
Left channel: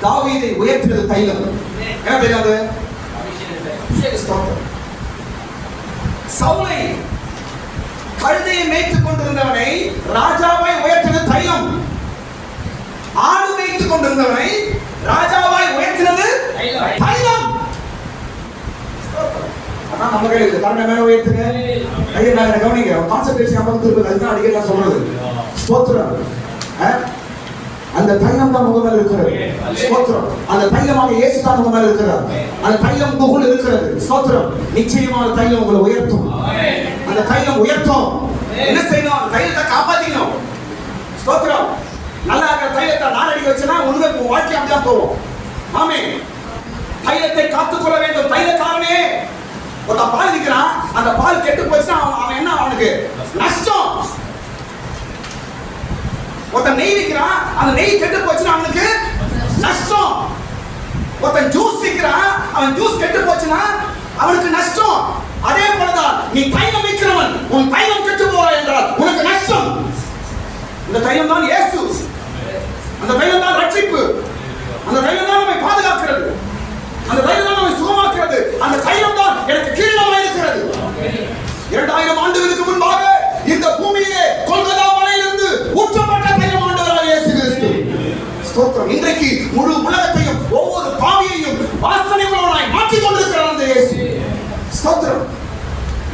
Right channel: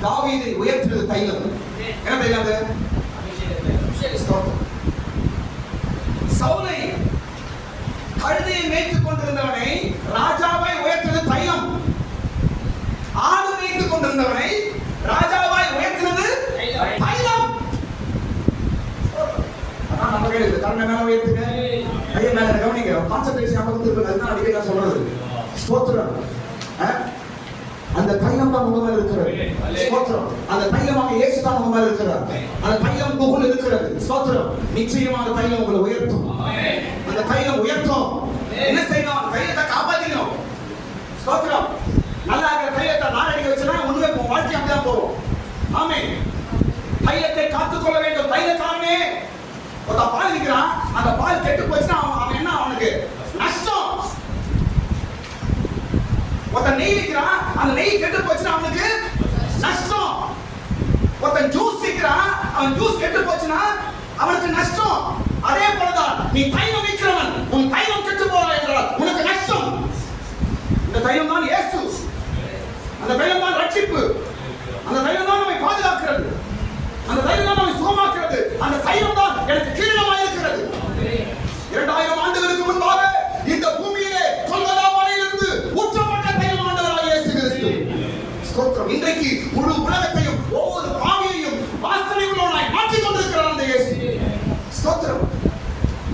தாவீதை உயர்த்துறது தைலம். என்ன தைலம் அது? சவுலை கழுதையை மேய்த்துக் கொண்டிருந்தவனை ராஜாவாய் உயர்த்துறது தைலம். ஆடு மேய்த்துக் கொண்டிருந்தவனை ராஜாவாய் உயர்த்துறது தைலம். ஆனா நம்ம கையில இருக்கு. கண்ணை மேல உயர்த்துங்க. ஐயா நான் கவனிங்க. கான்சென்ட்ரேஷன் நம்ம வந்து அதுதான் அடிக்கடி நான் சொல்றது. ஸ்தோத்திரம். அந்த தைலம் தான் உங்க மேல இருக்கிறது. ஸ்தோத்திரம். அந்த தைலமாக இயேசு தான் உங்க மேல இருக்கிறார். அந்த தைலம் உங்களுக்குள்ள இருக்கிறது. ஸ்தோத்திரம். நிச்சயமாக தைலம் உங்களை உயர்த்தும். அந்த தைலம் உயர்த்தும். என்ன செய்யணும்? தைலத்தை காப்பாத்திக்கணும். ஸ்தோத்திரம். நல்லா இருக்கிற தைலத்தை நாளடிக்க வச்சனா உண்மை வாழ்க்கை அப்படியே போகும். ஆமென். தைலத்தை காத்துக்கொள்ள வேண்டும். தைலக்காரனே ஒரு பால் விற்கிறான், அந்த பால் கெட்டு போச்சுன்னா அவன் என்ன? அவனுக்கு நஷ்டம். ஒருத்தன் நெய் விற்கிறான், அந்த நெய் கெட்டு போச்சுன்னா அவனுக்கு நஷ்டம். ஒருத்தன் ஜூஸ் விற்கிறான், அவன் ஜூஸ் கெட்டு போச்சுன்னா அவனுக்கு நஷ்டம். அதே போலதான் நீ தைலம் விற்கிறவன், உன் தைலம் கெட்டு போவா என்றால் உனக்கு நஷ்டம். இந்த தைலம் தான் இயேசு. அந்த தைலம் தான் ரட்சிப்பு. அந்த தைலம் தான் நம்மை பாதுகாக்கிறது. அந்த தைலம் தான் நம்மை சுகமாக்குறது. அந்த தைலம் தான் எனக்கு கீழமாக இருக்கிறது. 2000 ஆண்டுகளுக்கு முன்பாக இந்த பூமியிலே கொல்கத்தா மலையிலிருந்து ஊற்றப்பட்ட தைலம் ஆண்டவராகிய இயேசு கிறிஸ்து. ஸ்தோத்திரம். இன்றைக்கு முழு உலகத்தையும் ஒவ்வொரு பாவியையும் வாசனை உள்ளவனாய் மாற்றிக் கொண்டிருக்கிறார் அந்த இயேசு. ஸ்தோத்திரம்.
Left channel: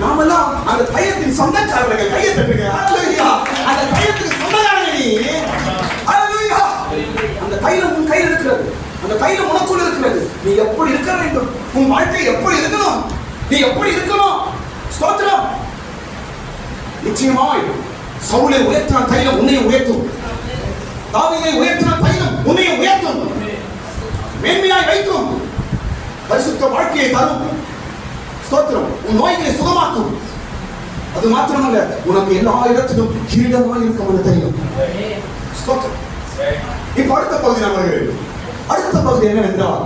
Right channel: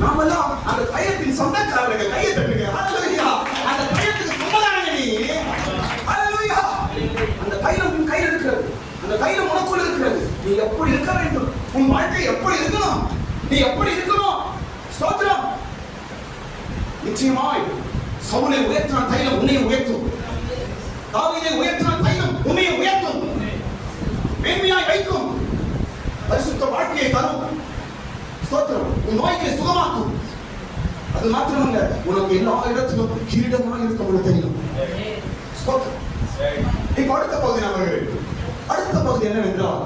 நாமெல்லாம் அந்த தைலத்தின் சொந்தக்காரர்கள். கையை தட்டுங்க. ஹalleluya. அந்த தைலத்துக்கு சொந்தக்காரங்க நீ. ஹalleluya. அந்த தைலம் உன் கையில் இருக்கிறது. அந்த தைலம் உனக்குள்ள இருக்கிறது. நீ எப்படி இருக்க வேண்டும்? உன் வாழ்க்கை எப்படி இருக்கணும்? நீ எப்படி இருக்கணும்? ஸ்தோத்திரம். நிச்சயமாய் சவுலை உயர்த்தின தைலம் உன்னை உயர்த்தும். தாவீதை உயர்த்தின தைலம் உன்னை உயர்த்தும். மேன்மையாய் வைக்கும். பரிசுத்த வாழ்க்கையை தரும். ஸ்தோத்திரம். உன் நோய்களை சுகமாக்கும். அது மாத்திரமல்ல, உனக்கு எல்லா இடத்திலும் கிரீடமாய் இருக்கும் அந்த தைலம். ஸ்தோத்திரம். இப்ப அடுத்த பகுதி நம்ம அடுத்த பகுதி என்னவென்றால்,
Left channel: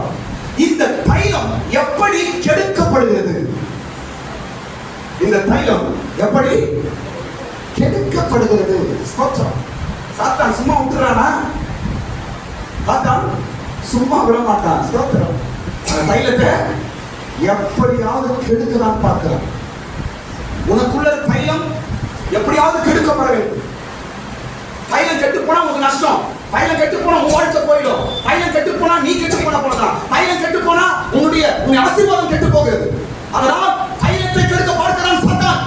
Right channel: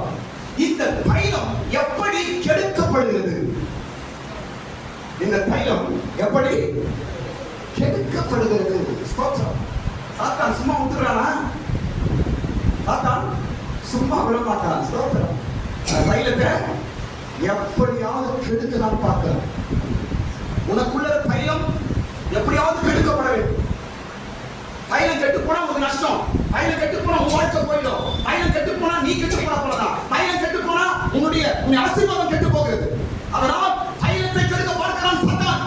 இந்த தைலம் எப்படி கெடுக்கப்படுகிறது? இந்த தைலம் எப்படி கெடுக்கப்படுகிறது? ஸ்தோத்திரம். சாத்தான் சும்மா விட்டுறானா? சாத்தான் சும்மா விட மாட்டான். ஸ்தோத்திரம். அந்த தைலத்தை எப்படியாவது கெடுக்கதான் பார்க்கிறான். உனக்குள்ள தைலம் எப்படியாவது கெடுக்கப்பட வேண்டும். தைலம் கெட்டு போனா உனக்கு நஷ்டம். தைலம் கெட்டு போனா உன் வாழ்க்கை போயிடும். தைலம் கெட்டு போனா நீ கெட்டு போனா போலதான். தைலம் கெட்டு போனா உன்னுடைய ஆசீர்வாதம் கெட்டு போகிறது. அதனால் தைலத்தை கெடுக்க பார்க்கிறான் சாத்தான்.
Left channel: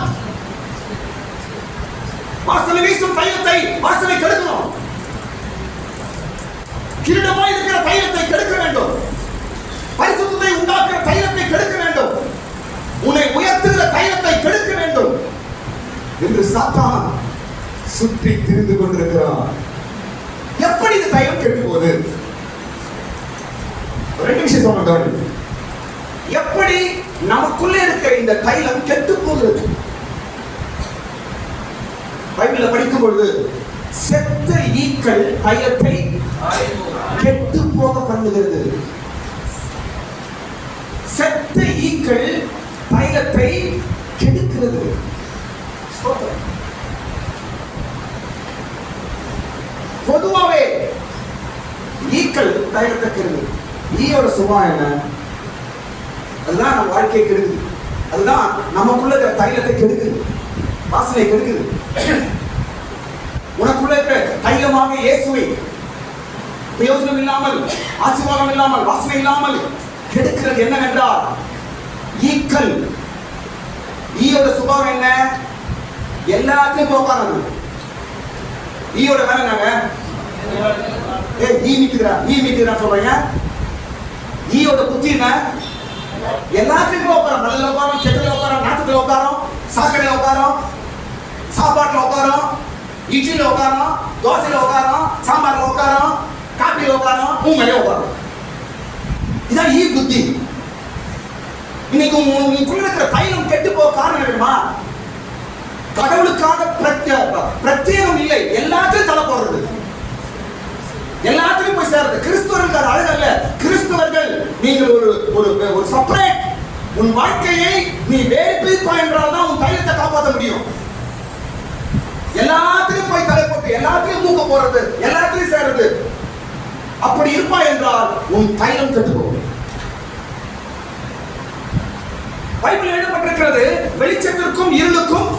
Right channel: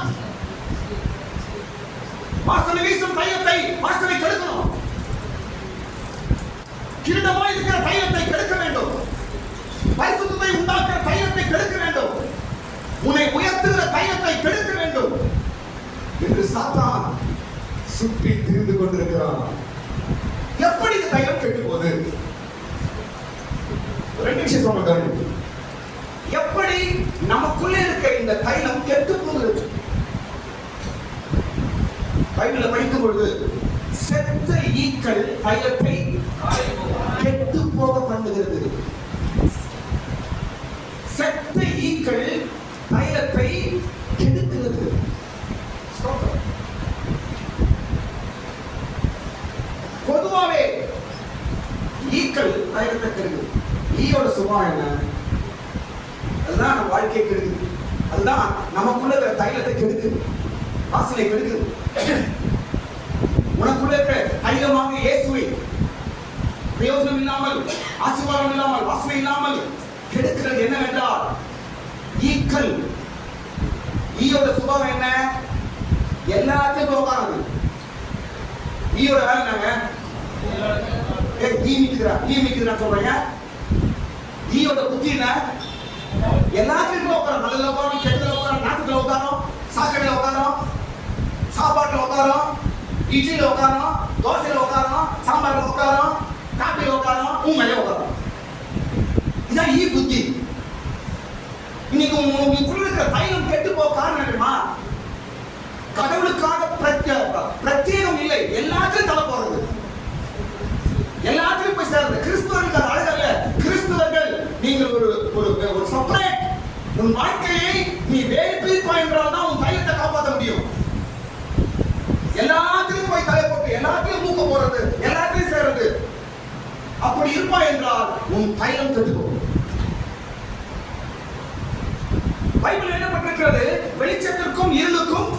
வாசனை வீசும் தைலத்தை வாசனை கெடுக்கணும். கிரீடமாய் இருக்கிற தைலத்தை கெடுக்க வேண்டும். பரிசுத்தத்தை உண்டாக்குற தைலத்தை கெடுக்க வேண்டும். உன்னை உயர்த்துகிற தைலத்தை கெடுக்க வேண்டும் என்று சாத்தான் சுற்றி திரிந்து கொண்டிருக்கிறான். எப்படி இந்த தைலம் கெட்டு போகுது? ரெண்டு விஷயம் சொன்னாங்க. எப்படி நமக்குள்ளே இருக்கிற இந்த தைலம் கெட்டு போகிறது? பைபிளை படிக்கும் பொழுது செத்த ஈக்கள் தைலத்தை கெட்டு போக பண்ணுகிறது. செத்த ஈக்கள் தைலத்தை கெடுக்கிறது. பொதுவாவே ஈக்கள் தைலத்தை கெடுது. ஈயோட சுபாவம் என்ன? அதுதான் நம்ம வாழ்க்கையை கெடுக்குது. அதுதான் நமக்குள்ள இருக்கிற தைலத்தை கெடுக்குது. வாசனை கெடுக்குது. உனக்குள்ள இருக்கிற தைலமாக இயேசுவை பிரயோஜனம் இல்லாமல், ஆசீர்வாதம் இல்லாமல், வாசனை இல்லாமல் கெடுக்கிறது என்னவென்றால் ஈக்கள். ஈயோட சுபாவம் என்ன? எல்லாத்தையும் போக்கானது. ஈயோட வேலை என்னங்க? ஈ மீக்குறா சொல்றீங்க. ஈயோட புத்தி என்ன? எல்லாத்தையும் உட்காரம். நல்ல உட்காரம், கெட்டல உட்காரம், நாட்டுல உட்காரம், சாக்கடையில் உட்காரோம், சாப்பாட்டில் உட்காரோம், இட்லியில் உட்காரோம், தோசையில் உட்காரோம், சாம்பாரில் உட்காரோம், காப்பியில் உட்காரோம், உங்களே உட்காரோம். இதான் ஈ புத்தி. இன்னைக்கு உங்களுக்குள்ள இருக்கிற தைலம் கெட்டு போக காரணம் என்னமா? கடவுளுக்காக பிரத்யேகம் இல்லை, எல்லாத்தையும் தலை போடுறது, எல்லாத்தையும் போய் சேர்றது. கிறிஸ்தவர்கள் அழகு அல்ல. கிறிஸ்தவர்கள் நீங்கள் ஒரு செப்பரேட். உன் வாழ்க்கையை நீ வேறு பிரிப்பாய் என்றால் தான் உன் தைலத்தை காப்பாற்ற முடியும். எல்லாத்தையும் போய் தலை போட்டு எல்லாத்தையும் மூக்க போறது, எல்லாத்தையும் சேர்றது, அப்படி இருப்பாய் என்றால் உன் தைலம் கெட்டு போகும். பைபிள் எழுதப்பட்டிருக்கிறது, வெளிச்சத்திற்கும் இருளுக்கும்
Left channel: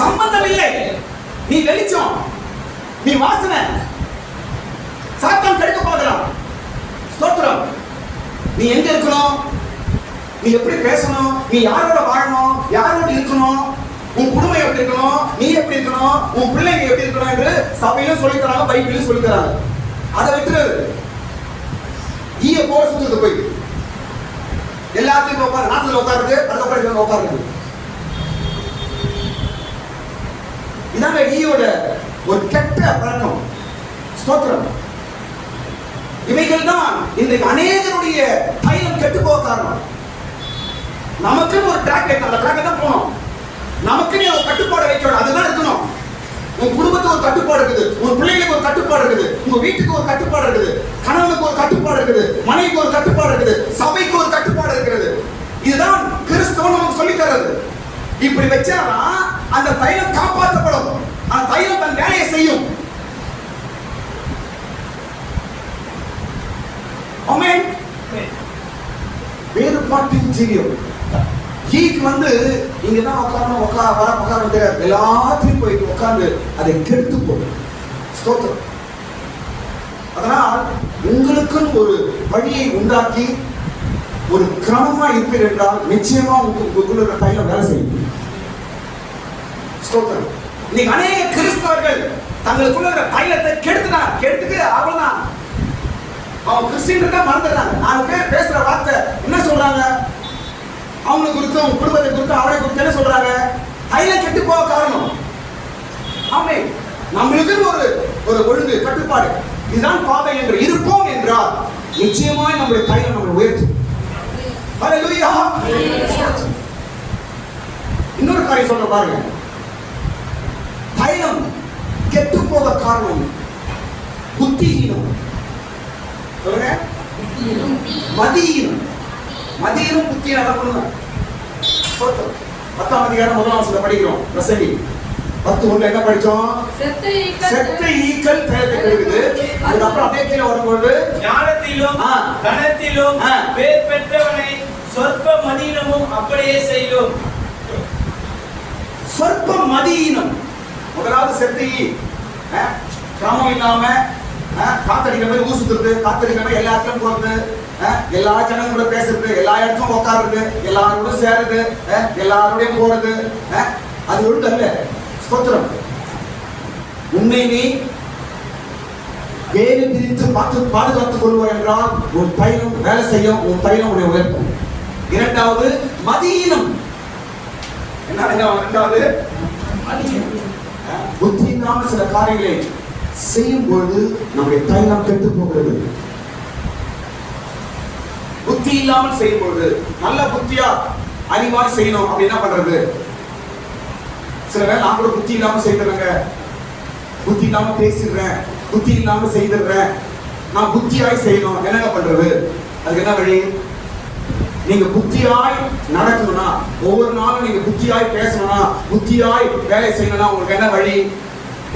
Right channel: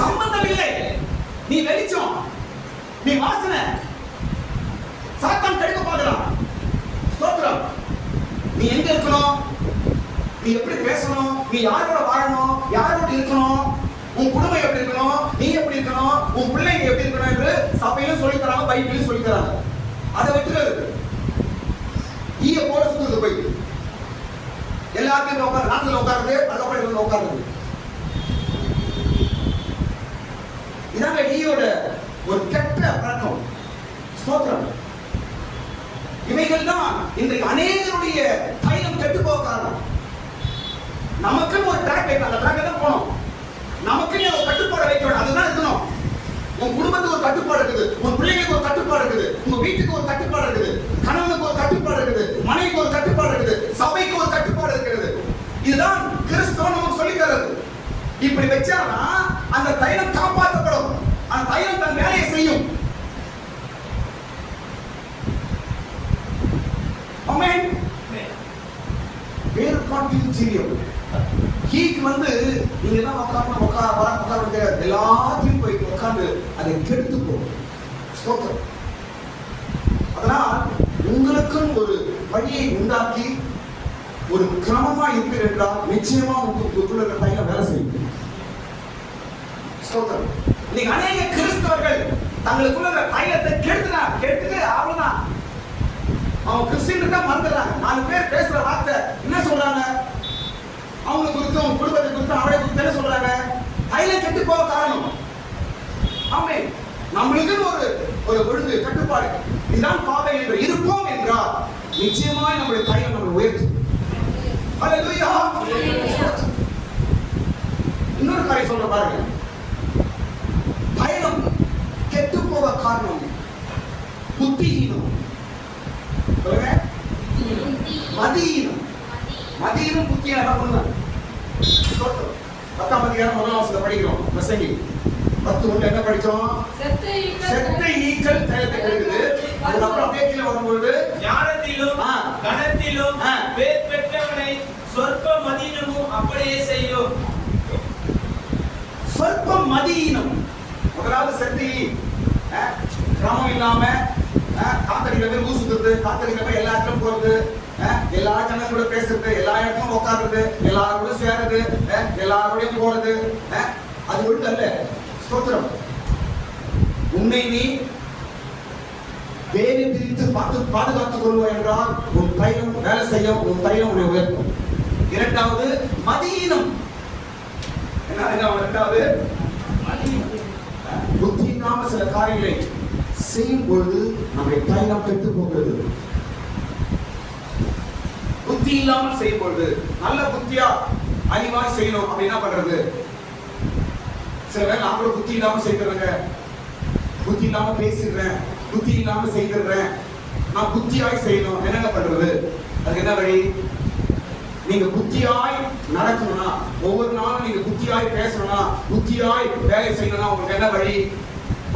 சம்பந்தம் இல்லை. நீ வெளிச்சம், நீ வாசனை, சாத்தான் கெடுக்க பார்க்கலாம். ஸ்தோத்திரம். நீ எங்க இருக்கணும், நீ எப்படி பேசணும், நீ யாரோட வாழணும், யாரோட இருக்கணும், உன் குடும்பம் எப்படி இருக்கணும், நீ எப்படி இருக்கணும், உன் பிள்ளைங்க எப்படி இருக்கணும் என்று சபையிலும் சொல்லி தராங்க, பைபிளும் சொல்லி தராங்க. அதை விட்டுறது ஈய போல சுத்துறது. போய் எல்லாத்தையும் உட்காரு, நாட்டில் உட்காருது, அதுக்கப்புறம் உட்காருது. இதாங்க ஈயோட ஒரு கெட்ட பழக்கம். ஸ்தோத்திரம். இவைகள் தான் இன்றைக்கு அநேகருடைய தைலம் கெட்டு போக காரணம். நமக்குன்னு ஒரு ட்ராக் இருக்கு, அந்த ட்ராக் தான் போகணும். நமக்குன்னு ஒரு கட்டுப்பாடு வைக்கணும், அதுதான் இருக்கணும். உன் குடும்பத்துக்கு ஒரு கட்டுப்பாடு இருக்குது, உன் பிள்ளைகளுக்கு ஒரு கட்டுப்பாடு இருக்குது, உங்க வீட்டுக்கு ஒரு கட்டுப்பாடு இருக்குது, கணவனுக்கு ஒரு கட்டுப்பாடு இருக்குது, மனைவிக்கு ஒரு கட்டுப்பாடு இருக்குது, சபைக்கு ஒரு கட்டுப்பாடு இருக்கிறது. இதுதான் கிறிஸ்தவம் நமக்கு சொல்லி தர்றது. இப்படி வச்சாதான் அந்த தைலம் காப்பாற்றப்படும், அந்த தைலம் தன் வேலையை செய்யும். ஆமென். வேறுபாட்டின் ஜீவியம். ஈக்கு இங்க தான் உட்காரணும் தெரியாது, எல்லாத்தையும் போய் உட்கார்ந்து அதை கெடுத்து போகும். ஸ்தோத்திரம். அதனால் உங்களுக்குன்னு ஒரு வழியை உண்டாக்கி ஒரு கிரமமா இருப்பீர் என்றால் நிச்சயமா உங்களுக்குள்ள இருக்கிற தைலம் வேலை செய்யும். ஸ்தோத்திரம். இன்னைக்கு அநேக கிறிஸ்தவர்கள் தங்களுக்குள்ள இருக்கிற தைலத்தை கெடுத்துட்டு அவ்வளவுதான். அவங்க கிறிஸ்டியன் தான் மறந்துடுறாங்க. 4 பேர் பேசுற வார்த்தை என்ன சொல்றாங்க, அவங்களுக்கு குறித்து, அவங்க குடும்பத்தை குறித்து, அவரை குறித்து என்ன சொல்றாங்க? தைலம் கெட்டு போக காரணம். ஆமென். நம்மளுக்கு ஒரு ஒழுங்கு, கட்டுப்பாடு, இதுதான் பாதை என்று இருப்போம் என்றால் நிச்சயமாய் நம்முடைய தைலம் நம்மளை உயர்த்தும். ஹல்லேலூயா. இன்னொரு காரியம் சொல்ல பாருங்க. தைலம் கெட்டு போக காரணம் புத்திஹீனம். சொல்லுங்க, மதியீனம். மதியீனம் புத்தியும் அடப்படும். 10ஆம் அதிகாரம் 1ஆம் வசனத்தை படிக்கிறோம். பிரசங்கி 10:1 என்ன படிச்சோம்? செத்த ஈக்கள் தைலத்தை கெடுக்குது. அதுக்கப்புறம் அப்படியே கீழே வரும்போது ஞானத்திலும் கனத்திலும் பேர் பெற்றவனை சொற்ப மதியீனமும் அப்படியே செய்யும். சொற்ப மதியீனம். முதலாவது செத்த ஈ, கிரமம் இல்லாம காத்தடிக்கிற மாதிரி ஊர் சுத்துறது, காத்தடிக்கிற மாதிரி எல்லா இடத்துலும் போறது, எல்லா ஜனங்களும் கூட பேசுறது, எல்லா இடத்துலும் உட்காருறது, எல்லாரோட சேருது, எல்லாரோடையும் போறது, அது ஒன்று அல்ல. ஸ்தோத்திரம். உன்னை நீ வேறு பிரித்து பாதுகாத்துக் கொள்வோம் என்றால் உன் தைலம் வேலை செய்யும், உன் தைலம் உன்னை உயர்த்தும். இரண்டாவது மதியீனம். என்ன இரண்டாவது? புத்தி இல்லாம சில காரியங்களை செய்யும் பொழுது நம்முடைய தைலம் கெட்டு போகிறது. புத்தி இல்லாமல் செய்யும் பொழுது, நல்ல புத்தியா அறிவா செய்யணும் அப்படின்னா பண்றது. சில வேளை நான் கூட புத்தி இல்லாம செய்யறேங்க, புத்தி இல்லாம பேசிடுறேன், புத்தி இல்லாம செய்திடுறேன். நான் புத்தியாய் செய்யணும், என்னங்க பண்றது? அதுக்கு என்ன வழி? நீங்க புத்தியாய் நடக்கணும்னா, ஒவ்வொரு நாளும் நீங்க புத்தியாய் பேசணும்னா, புத்தியாய் வேலை செய்யணும்னா உங்களுக்கு என்ன வழி?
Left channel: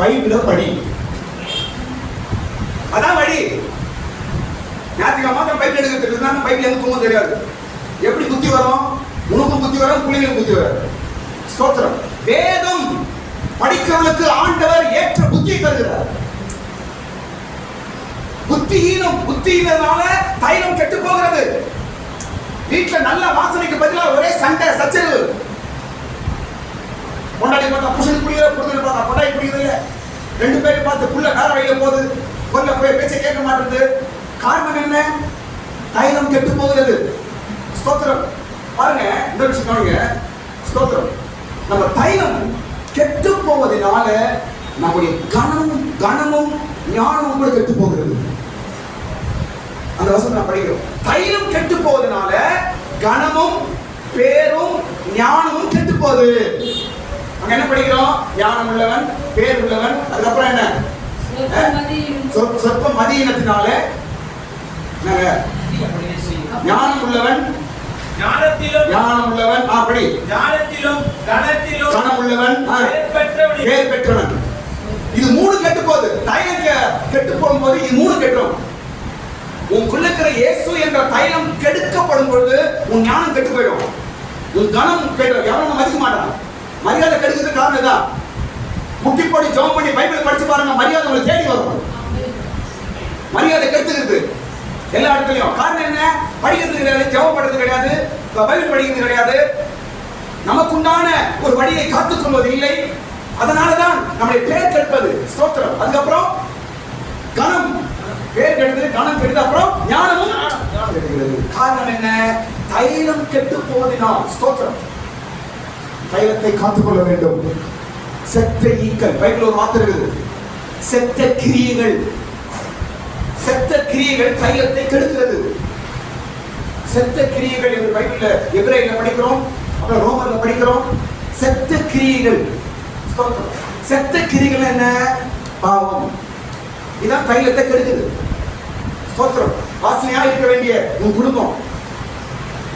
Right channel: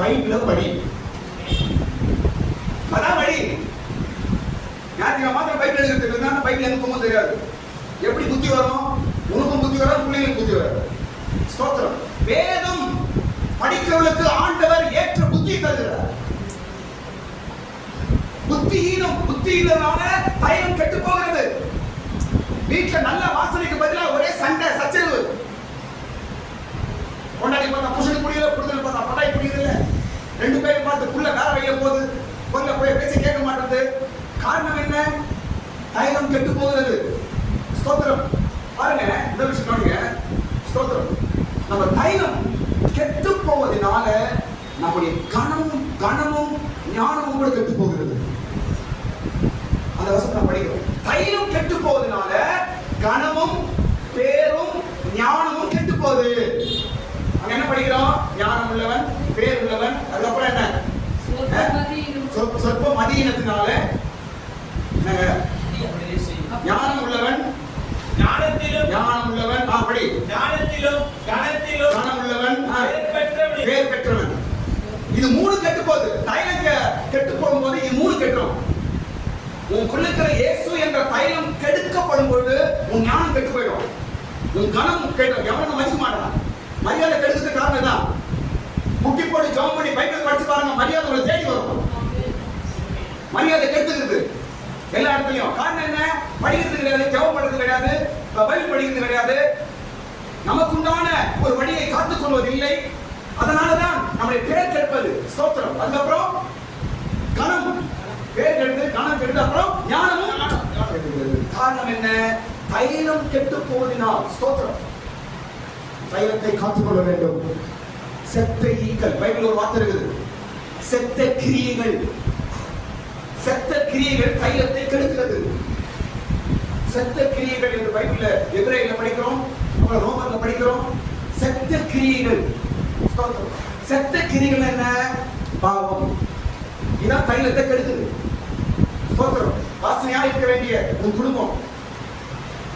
பைபிள படி. அதான் வழி. ஞாயிற்றுக்கிழமை பைபிள் எடுக்கிறது இருந்தா பைபிள் எனக்கு தூங்க தெரியாது. எப்படி புத்தி வரும்? உனக்கும் புத்தி வரும், புள்ளிகளும் புத்தி வரும். ஸ்தோத்திரம். வேதம் படிக்கிறவனுக்கு ஆண்டவர் ஏற்ற புத்தியை தருகிறார். புத்தியினால தைலம் கெட்டு போகிறது. வீட்டுல நல்ல வாசனைக்கு பதிலாக ஒரே சண்டை சச்சரவு. பொண்டாட்டி பார்த்தா புருஷன் குடிக்கிற, புருஷன் பார்த்தா பொண்டாட்டி குடிக்கிறது. 2 பேரும் பார்த்து புள்ள வேற வழியில போகுது, கொல்ல போய் பேச்ச கேட்க மாட்டேங்குது. காரணம் என்ன? தைலம் கெட்டு போகிறது. ஸ்தோத்திரம். பாருங்க, இந்த விஷயம் கவனிங்க. ஸ்தோத்திரம். நம்ம தைலம் கெட்டு போவதனால நம்முடைய கனமும் ஞானமும் கூட கெட்டு போகிறது. அந்த வசனம் நான் படிக்கிறோம். தைலம் கெட்டு போவதனால கனமும் பேரும் ஞானமும் கெட்டு போகுது. அங்க என்ன படிக்கிறோம்? ஞானம் உள்ளவன், பேர் உள்ளவன், அதுக்கப்புறம் என்ன? சொற்ப மதியினத்தினால ஞானம் உள்ளவன், ஞானம் உள்ளவன், அப்படி கனம் உள்ளவன், பேர் பெற்றவன். இது மூணு கெட்டு போகுது. தைலம் கெட்டு போகும்போது இது மூணு கெட்டுரும். உனக்குள்ள இருக்கிற இயேசு என்ற தைலம் கெடுக்கப்படும் பொழுது உன் ஞானம் கெட்டு போயிடும், உன் கனம் கெட்டு. எவனும் மதிக்க மாட்டான். மரியாதை கெடுக்கிறதுக்கு காரணம் இதான். முட்டி போட்டு ஜெபம் பண்ணி பைபிள் படிச்சு பாருங்க, மரியாதை உங்களை தேடி வரும். மரியாதை கெடுத்துக்கிறது எல்லா இடத்துலயும். காரணம் என்ன? படிக்கிறது கிடையாது, ஜெபம் பண்றது கிடையாது, பைபிள் படிக்கிறது கிடையாது, நமக்குண்டான ஒரு வழியை காத்துக் கொள்வது இல்லை. அதனாலதான் நம்முடைய பேர் கெடுப்பது. ஸ்தோத்திரம். அதுக்கப்புறம் கனம், பேர் கெடுது, கனம் கெடுது, அப்புறம் ஞானமும் கெடுகிறது. காரணம் என்ன? தைலம் கெட்டு போவதினால். ஸ்தோத்திரம். தைலத்தை காத்துக்கொள்ள வேண்டும். செத்த ஈக்கள், பைபிள் ஒரு வார்த்தை இருக்குது, செத்த கிரியைகள். செத்த கிரியைகள் தைலத்தை கெடுக்கிறது. செத்த கிரியைகள் என்று பைபிள்ல எபிரேயர்ல படிக்கிறோம், அப்புறம் ரோமர்ல படிக்கிறோம். செத்த கிரியைகள். செத்த கிரியைகள் என்ன? பாவம். இதான் தைலத்தை கெடுக்குது. ஸ்தோத்திரம். வாசனையா இருக்க வேண்டிய உன் குடும்பம்,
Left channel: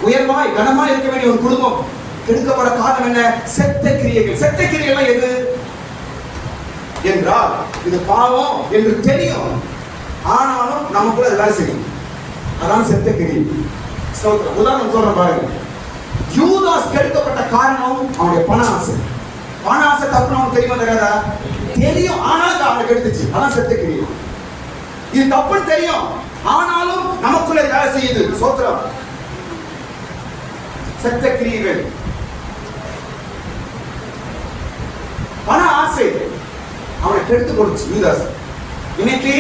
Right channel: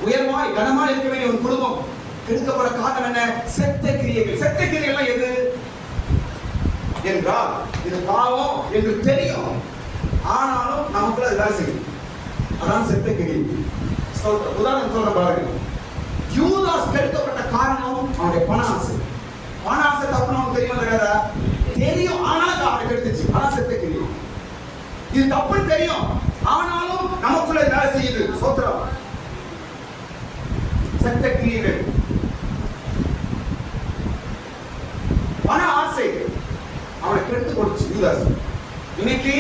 உயர்வாய் கனமாய் இருக்க வேண்டிய ஒரு குடும்பம் கெடுக்கப்பட காரணம் என்ன? செத்த கிரியைகள். செத்த கிரியைகள் எது என்றால் இது பாவம் என்று தெரியும், ஆனாலும் நமக்குள்ள அது வேலை செய்யும். அதான் செத்த கிரியை. உதாரணம் சொல்ற பாருங்க. யூதாஸ் கெடுக்கப்பட்ட காரணம் அவனுடைய பண ஆசை. பண ஆசை தப்புன்னு அவனுக்கு தெரியுமா தெரியாதா? தெரியும், ஆனாலும் அவனை கெடுத்துச்சு. அதான் செத்த கிரியை. இது தப்புன்னு தெரியும், ஆனாலும் நமக்குள்ள வேலை செய்யுது. சோத்திரம். செத்த கிரியைகள். பண ஆசை அவனை கெடுத்து கொடுத்து யூதாஸ். இன்னைக்கு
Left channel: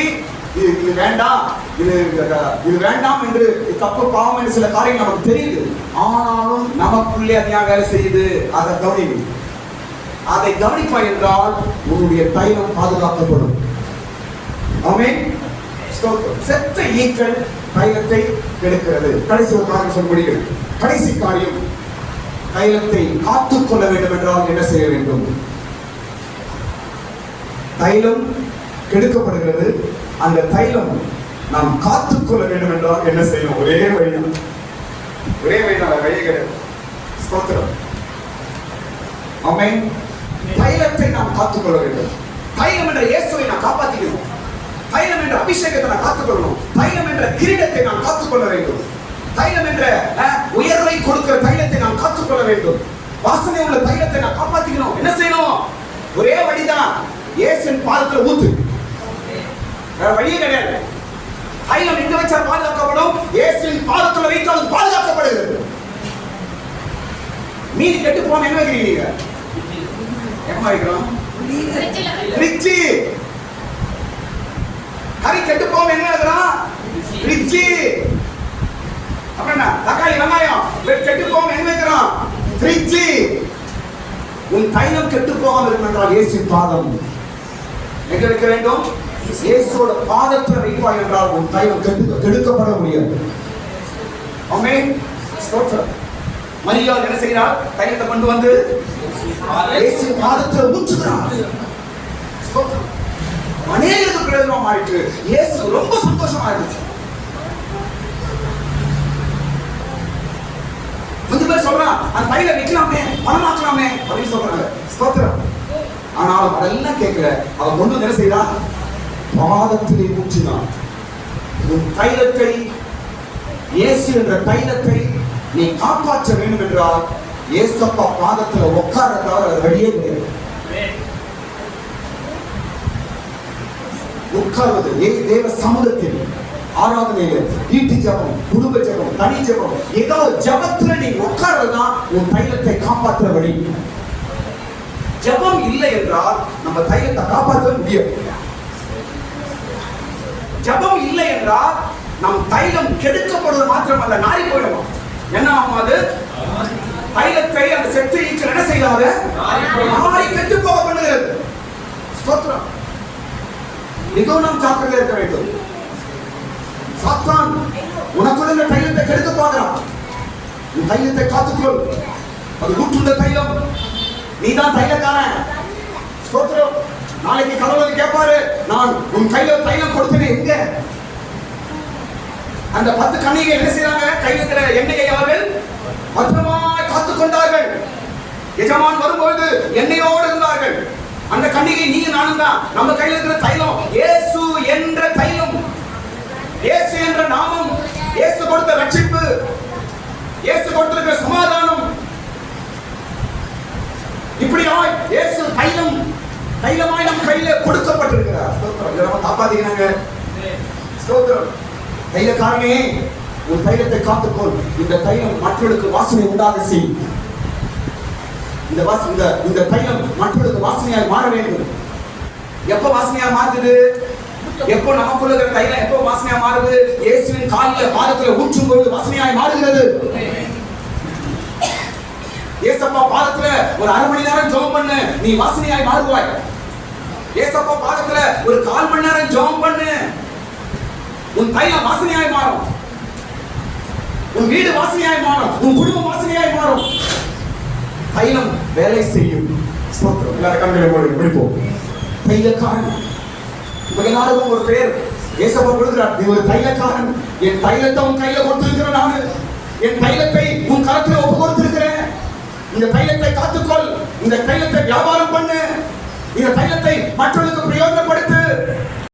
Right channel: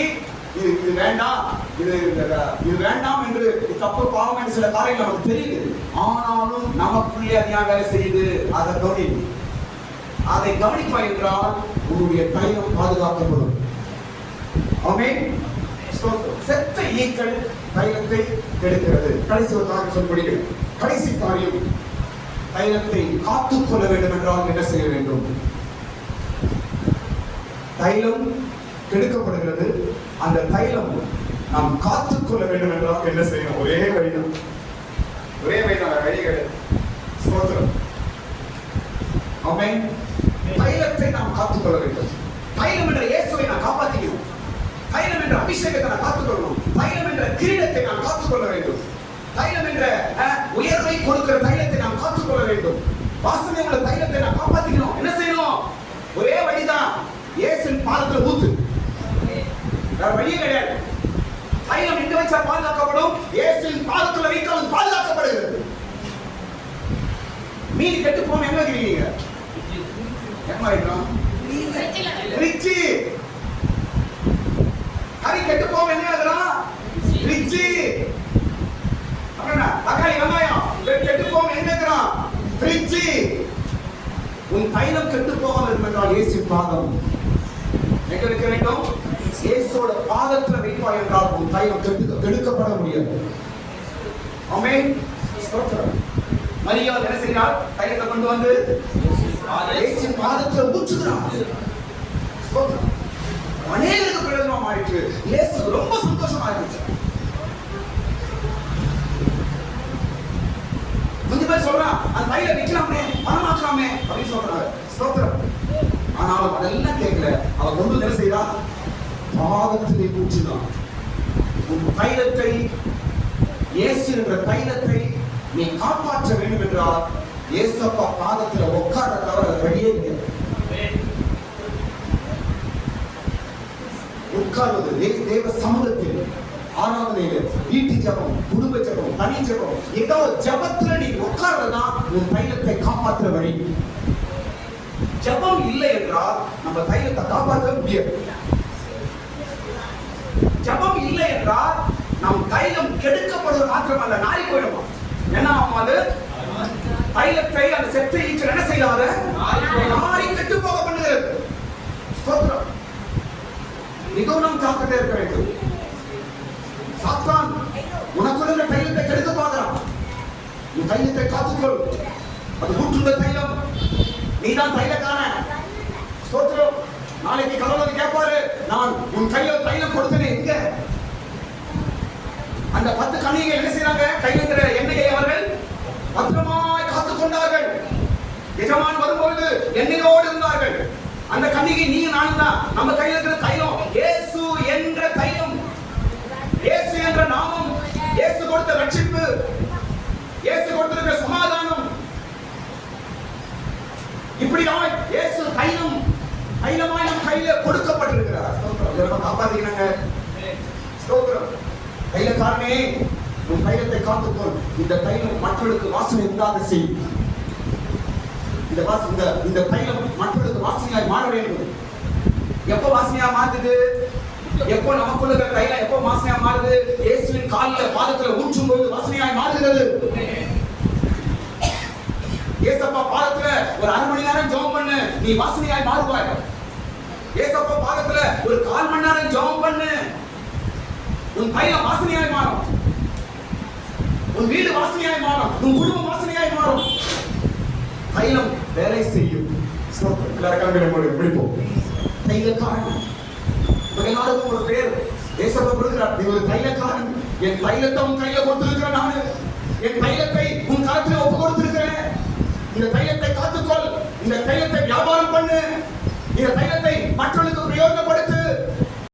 இது வேண்டாம், இது வேண்டாம் என்று தப்பு பாவம் என்று சில காரியங்கள் நமக்கு தெரியுது, ஆனாலும் நமக்குள்ளே அதிகா வேலை செய்யுது. அதை கவனிப்பு. அதை கவனிப்பா என்றால் உன்னுடைய தைலம் பாதுகாக்கப்படும். ஆமென். செத்த ஈக்கள் தைலத்தை கெடுக்கிறது. கடைசி ஒரு காரியம் சொல்லப்படுகிறது. கடைசி காரியம், தைலத்தை காத்துக்கொள்ள வேண்டும் என்றால் என்ன செய்ய வேண்டும்? தைலம் கெடுக்கப்படுகிறது. அந்த தைலம் நாம் காத்துக்கொள்ள வேண்டும் என்றால் என்ன செய்யணும்? ஒரே வழிதான், ஒரே வழிதான், வழியே கிடையாது. ஸ்தோத்திரம். ஆமென். தைலத்தை நாம் காத்துக்கொள்ள வேண்டும். தைலம் என்ற இயேசுவை நாம் காப்பாற்றிக்கணும். தைலம் என்ற அபிஷேகத்தை நாம் காத்துக்கொள்ளணும். தைலம் என்ற கிரீடத்தை நாம் காத்துக்கொள்ள வேண்டும். தைலம் என்ற உயர்வை கொடுக்கிற தைலத்தை நாம் காத்துக்கொள்ள வேண்டும். வாசனை உள்ள தைலத்தை நாம் காப்பாற்றிக்கணும். என்ன செய்யணும்? ஒரே வழிதான், இயேசுவின் பாதத்தில் ஊத்து. வேற வழியே கிடையாது. தைலம் எங்க வச்சா பாதுகாக்கப்படும்? இயேசுவின் பாதத்தில் வைத்தால் பாதுகாக்கப்படுகிறது. மீன் கெட்டு போன எங்க வைக்கிறீங்க? நீங்க எங்க வைக்கிறோம்? ஃப்ரிட்ஜ். கறி கெட்டு போன என்ன வைக்கிறோம்? ஃப்ரிட்ஜ். அப்புறம் தக்காளி வெங்காயம் கெட்டு போன எங்க வைக்கிறோம்? ஃப்ரிட்ஜ். உன் தைலம் கெட்டு போகாமல் இருக்கும் என்றால் இயேசுவின் பாதம் எங்க வைக்க வேண்டும்? இயேசுவோட பாதத்தில் வைப்பாய் என்றால் உன் தைலம் கெடுக்கப்பட முடியாது. ஆமென். ஸ்தோத்திரம். மரியாள் என்ன செய்கிறார்? தைலத்தை கொண்டு வந்து இயேசுவின் பாதத்தில் ஊற்றுகிறார். ஸ்தோத்திரம். அநேகருக்கு பிரயோஜனம் ஆயிற்று. இயேசு ரொம்ப சந்தோஷமா இருந்துச்சு. கொஞ்சம் பேர் சொல்றான், அந்த தைலம் வைக்கலாமே, பணமாக்கலாமே அப்படின்னு சொல்றாங்க. ஸ்தோத்திரம். ஆனாலும் அதெல்லாம் கேட்கல. அவன் கொண்டு என்ன செய்தான்? பாதத்திலே ஊற்றினான். உன் தைலத்தை, இயேசு என்ற தைலத்தை நீ காப்பாற்ற வேண்டும் என்றால் இயேசப்பா பாதத்தில் உட்கார தவிர வழியே கிடையாது. உட்கார்வது தேவ சமூகத்தில், ஆராதனையில, வீட்டு ஜபம், குடும்ப ஜபம், தனி ஜபம், ஏதோ ஜபத்துல நீ உட்கார்றதுதான் உன் தைலத்தை காப்பாற்ற வழி. ஜபம் இல்லை என்றால் நம்ம தைலத்தை காப்பாற்ற முடியாது. ஜபம் இல்லை என்றால் நம் தைலம் கெடுக்கப்படுவது மாத்திரமல்ல, நாரி போயிடும். என்ன ஆகும்? அது தைலத்தை அந்த செத்து ஈச்சல் என்ன செய்யாத நாளை கெட்டு போக பண்ணுகிறது. ஸ்தோத்திரம். மிகவும் நாம் ஜாக்கிரதையா இருக்க வேண்டும். சாத்தான் உனக்குள்ள தைலத்தை கெடுக்க பார்க்கிறான். உன் தைலத்தை காத்துக்கொள். அது ஊற்றுள்ள தைலம். நீதான் தைலக்காரன். ஸ்தோத்திரம். நாளைக்கு கடவுள் கேட்பாரு, நான் உன் கையில தைலம் கொடுத்தேன் எங்க? அந்த 10 கன்னிகைகள் என்ன செய்றாங்க? கையில் இருக்கிற எண்ணெயை அவர்கள் பத்திரமாய் காத்துக் கொண்டார்கள். எஜமான் வரும்போது எண்ணெயோடு இருந்தார்கள். அந்த கன்னிகை நீங்க நானும் தான். நம்ம கையில் இருக்கிற தைலம் இயேசு என்ற தைலம், இயேசு என்ற நாமம், இயேசு கொடுத்த ரட்சிப்பு, இயேசு கொடுத்திருக்கிற சமாதானம். இப்படியாய் இயேசு தைலமாய் நம் கையில கொடுக்கப்பட்டிருக்கிறார். இதை நம்ம காப்பாத்திக்கிறாங்க. ஸ்தோத்திரம். தைலக்காரனே, உன் தைலத்தை காத்துக்கொள். இந்த தைலம் மற்றவர்களுக்கு வாசனை உண்டாக செய். இந்த தைலம் மற்றவர்களுக்கு வாசனையாய் மாற வேண்டும். எப்ப வாசனையா மாறுது? எப்போ நமக்குள்ள இருக்கிற தைலம் எப்போ வாசனையா மாறுது? இயேசுவின் காலில் பாதத்துல ஊற்றும் பொழுது வாசனையாய் மாறுகிறது. ஏசப்பா பாதத்துல ஒரு 1/2 மணி நேரம் ஜெபம் பண்ணு, நீ வாசனையாய் மாறுவாய். ஏசப்பா பாதத்துல ஒரு 1/4 மணி நேரம் ஜெபம் பண்ணு, உன் தைலம் வாசனையாய் மாறும். உன் வீடு வாசனையாய் மாறும். உன் குடும்பம் வாசனையாய் மாறும். தைலம் வேலை செய்யும். ஸ்தோத்திரம். எல்லாரும் கண்களை மூடி முடிப்போம். தைலக்காரன். எல்லாருக்கும் ஒரு பேர் ஏசப்பா கொடுக்கிறார். நீ ஒரு தைலக்காரன். என் தைலத்தை உன் கையில கொடுத்திருக்கிறேன். நானு என் தைலத்தை உன் கரத்துல ஒப்பு கொடுத்திருக்கிறேன். இந்த தைலத்தை காத்துக்கொள். இந்த தைலத்தை வியாபாரம் பண்ணு. இந்த தைலத்தை மற்றவர்களுக்கு பிரயோஜனப்படுத்து.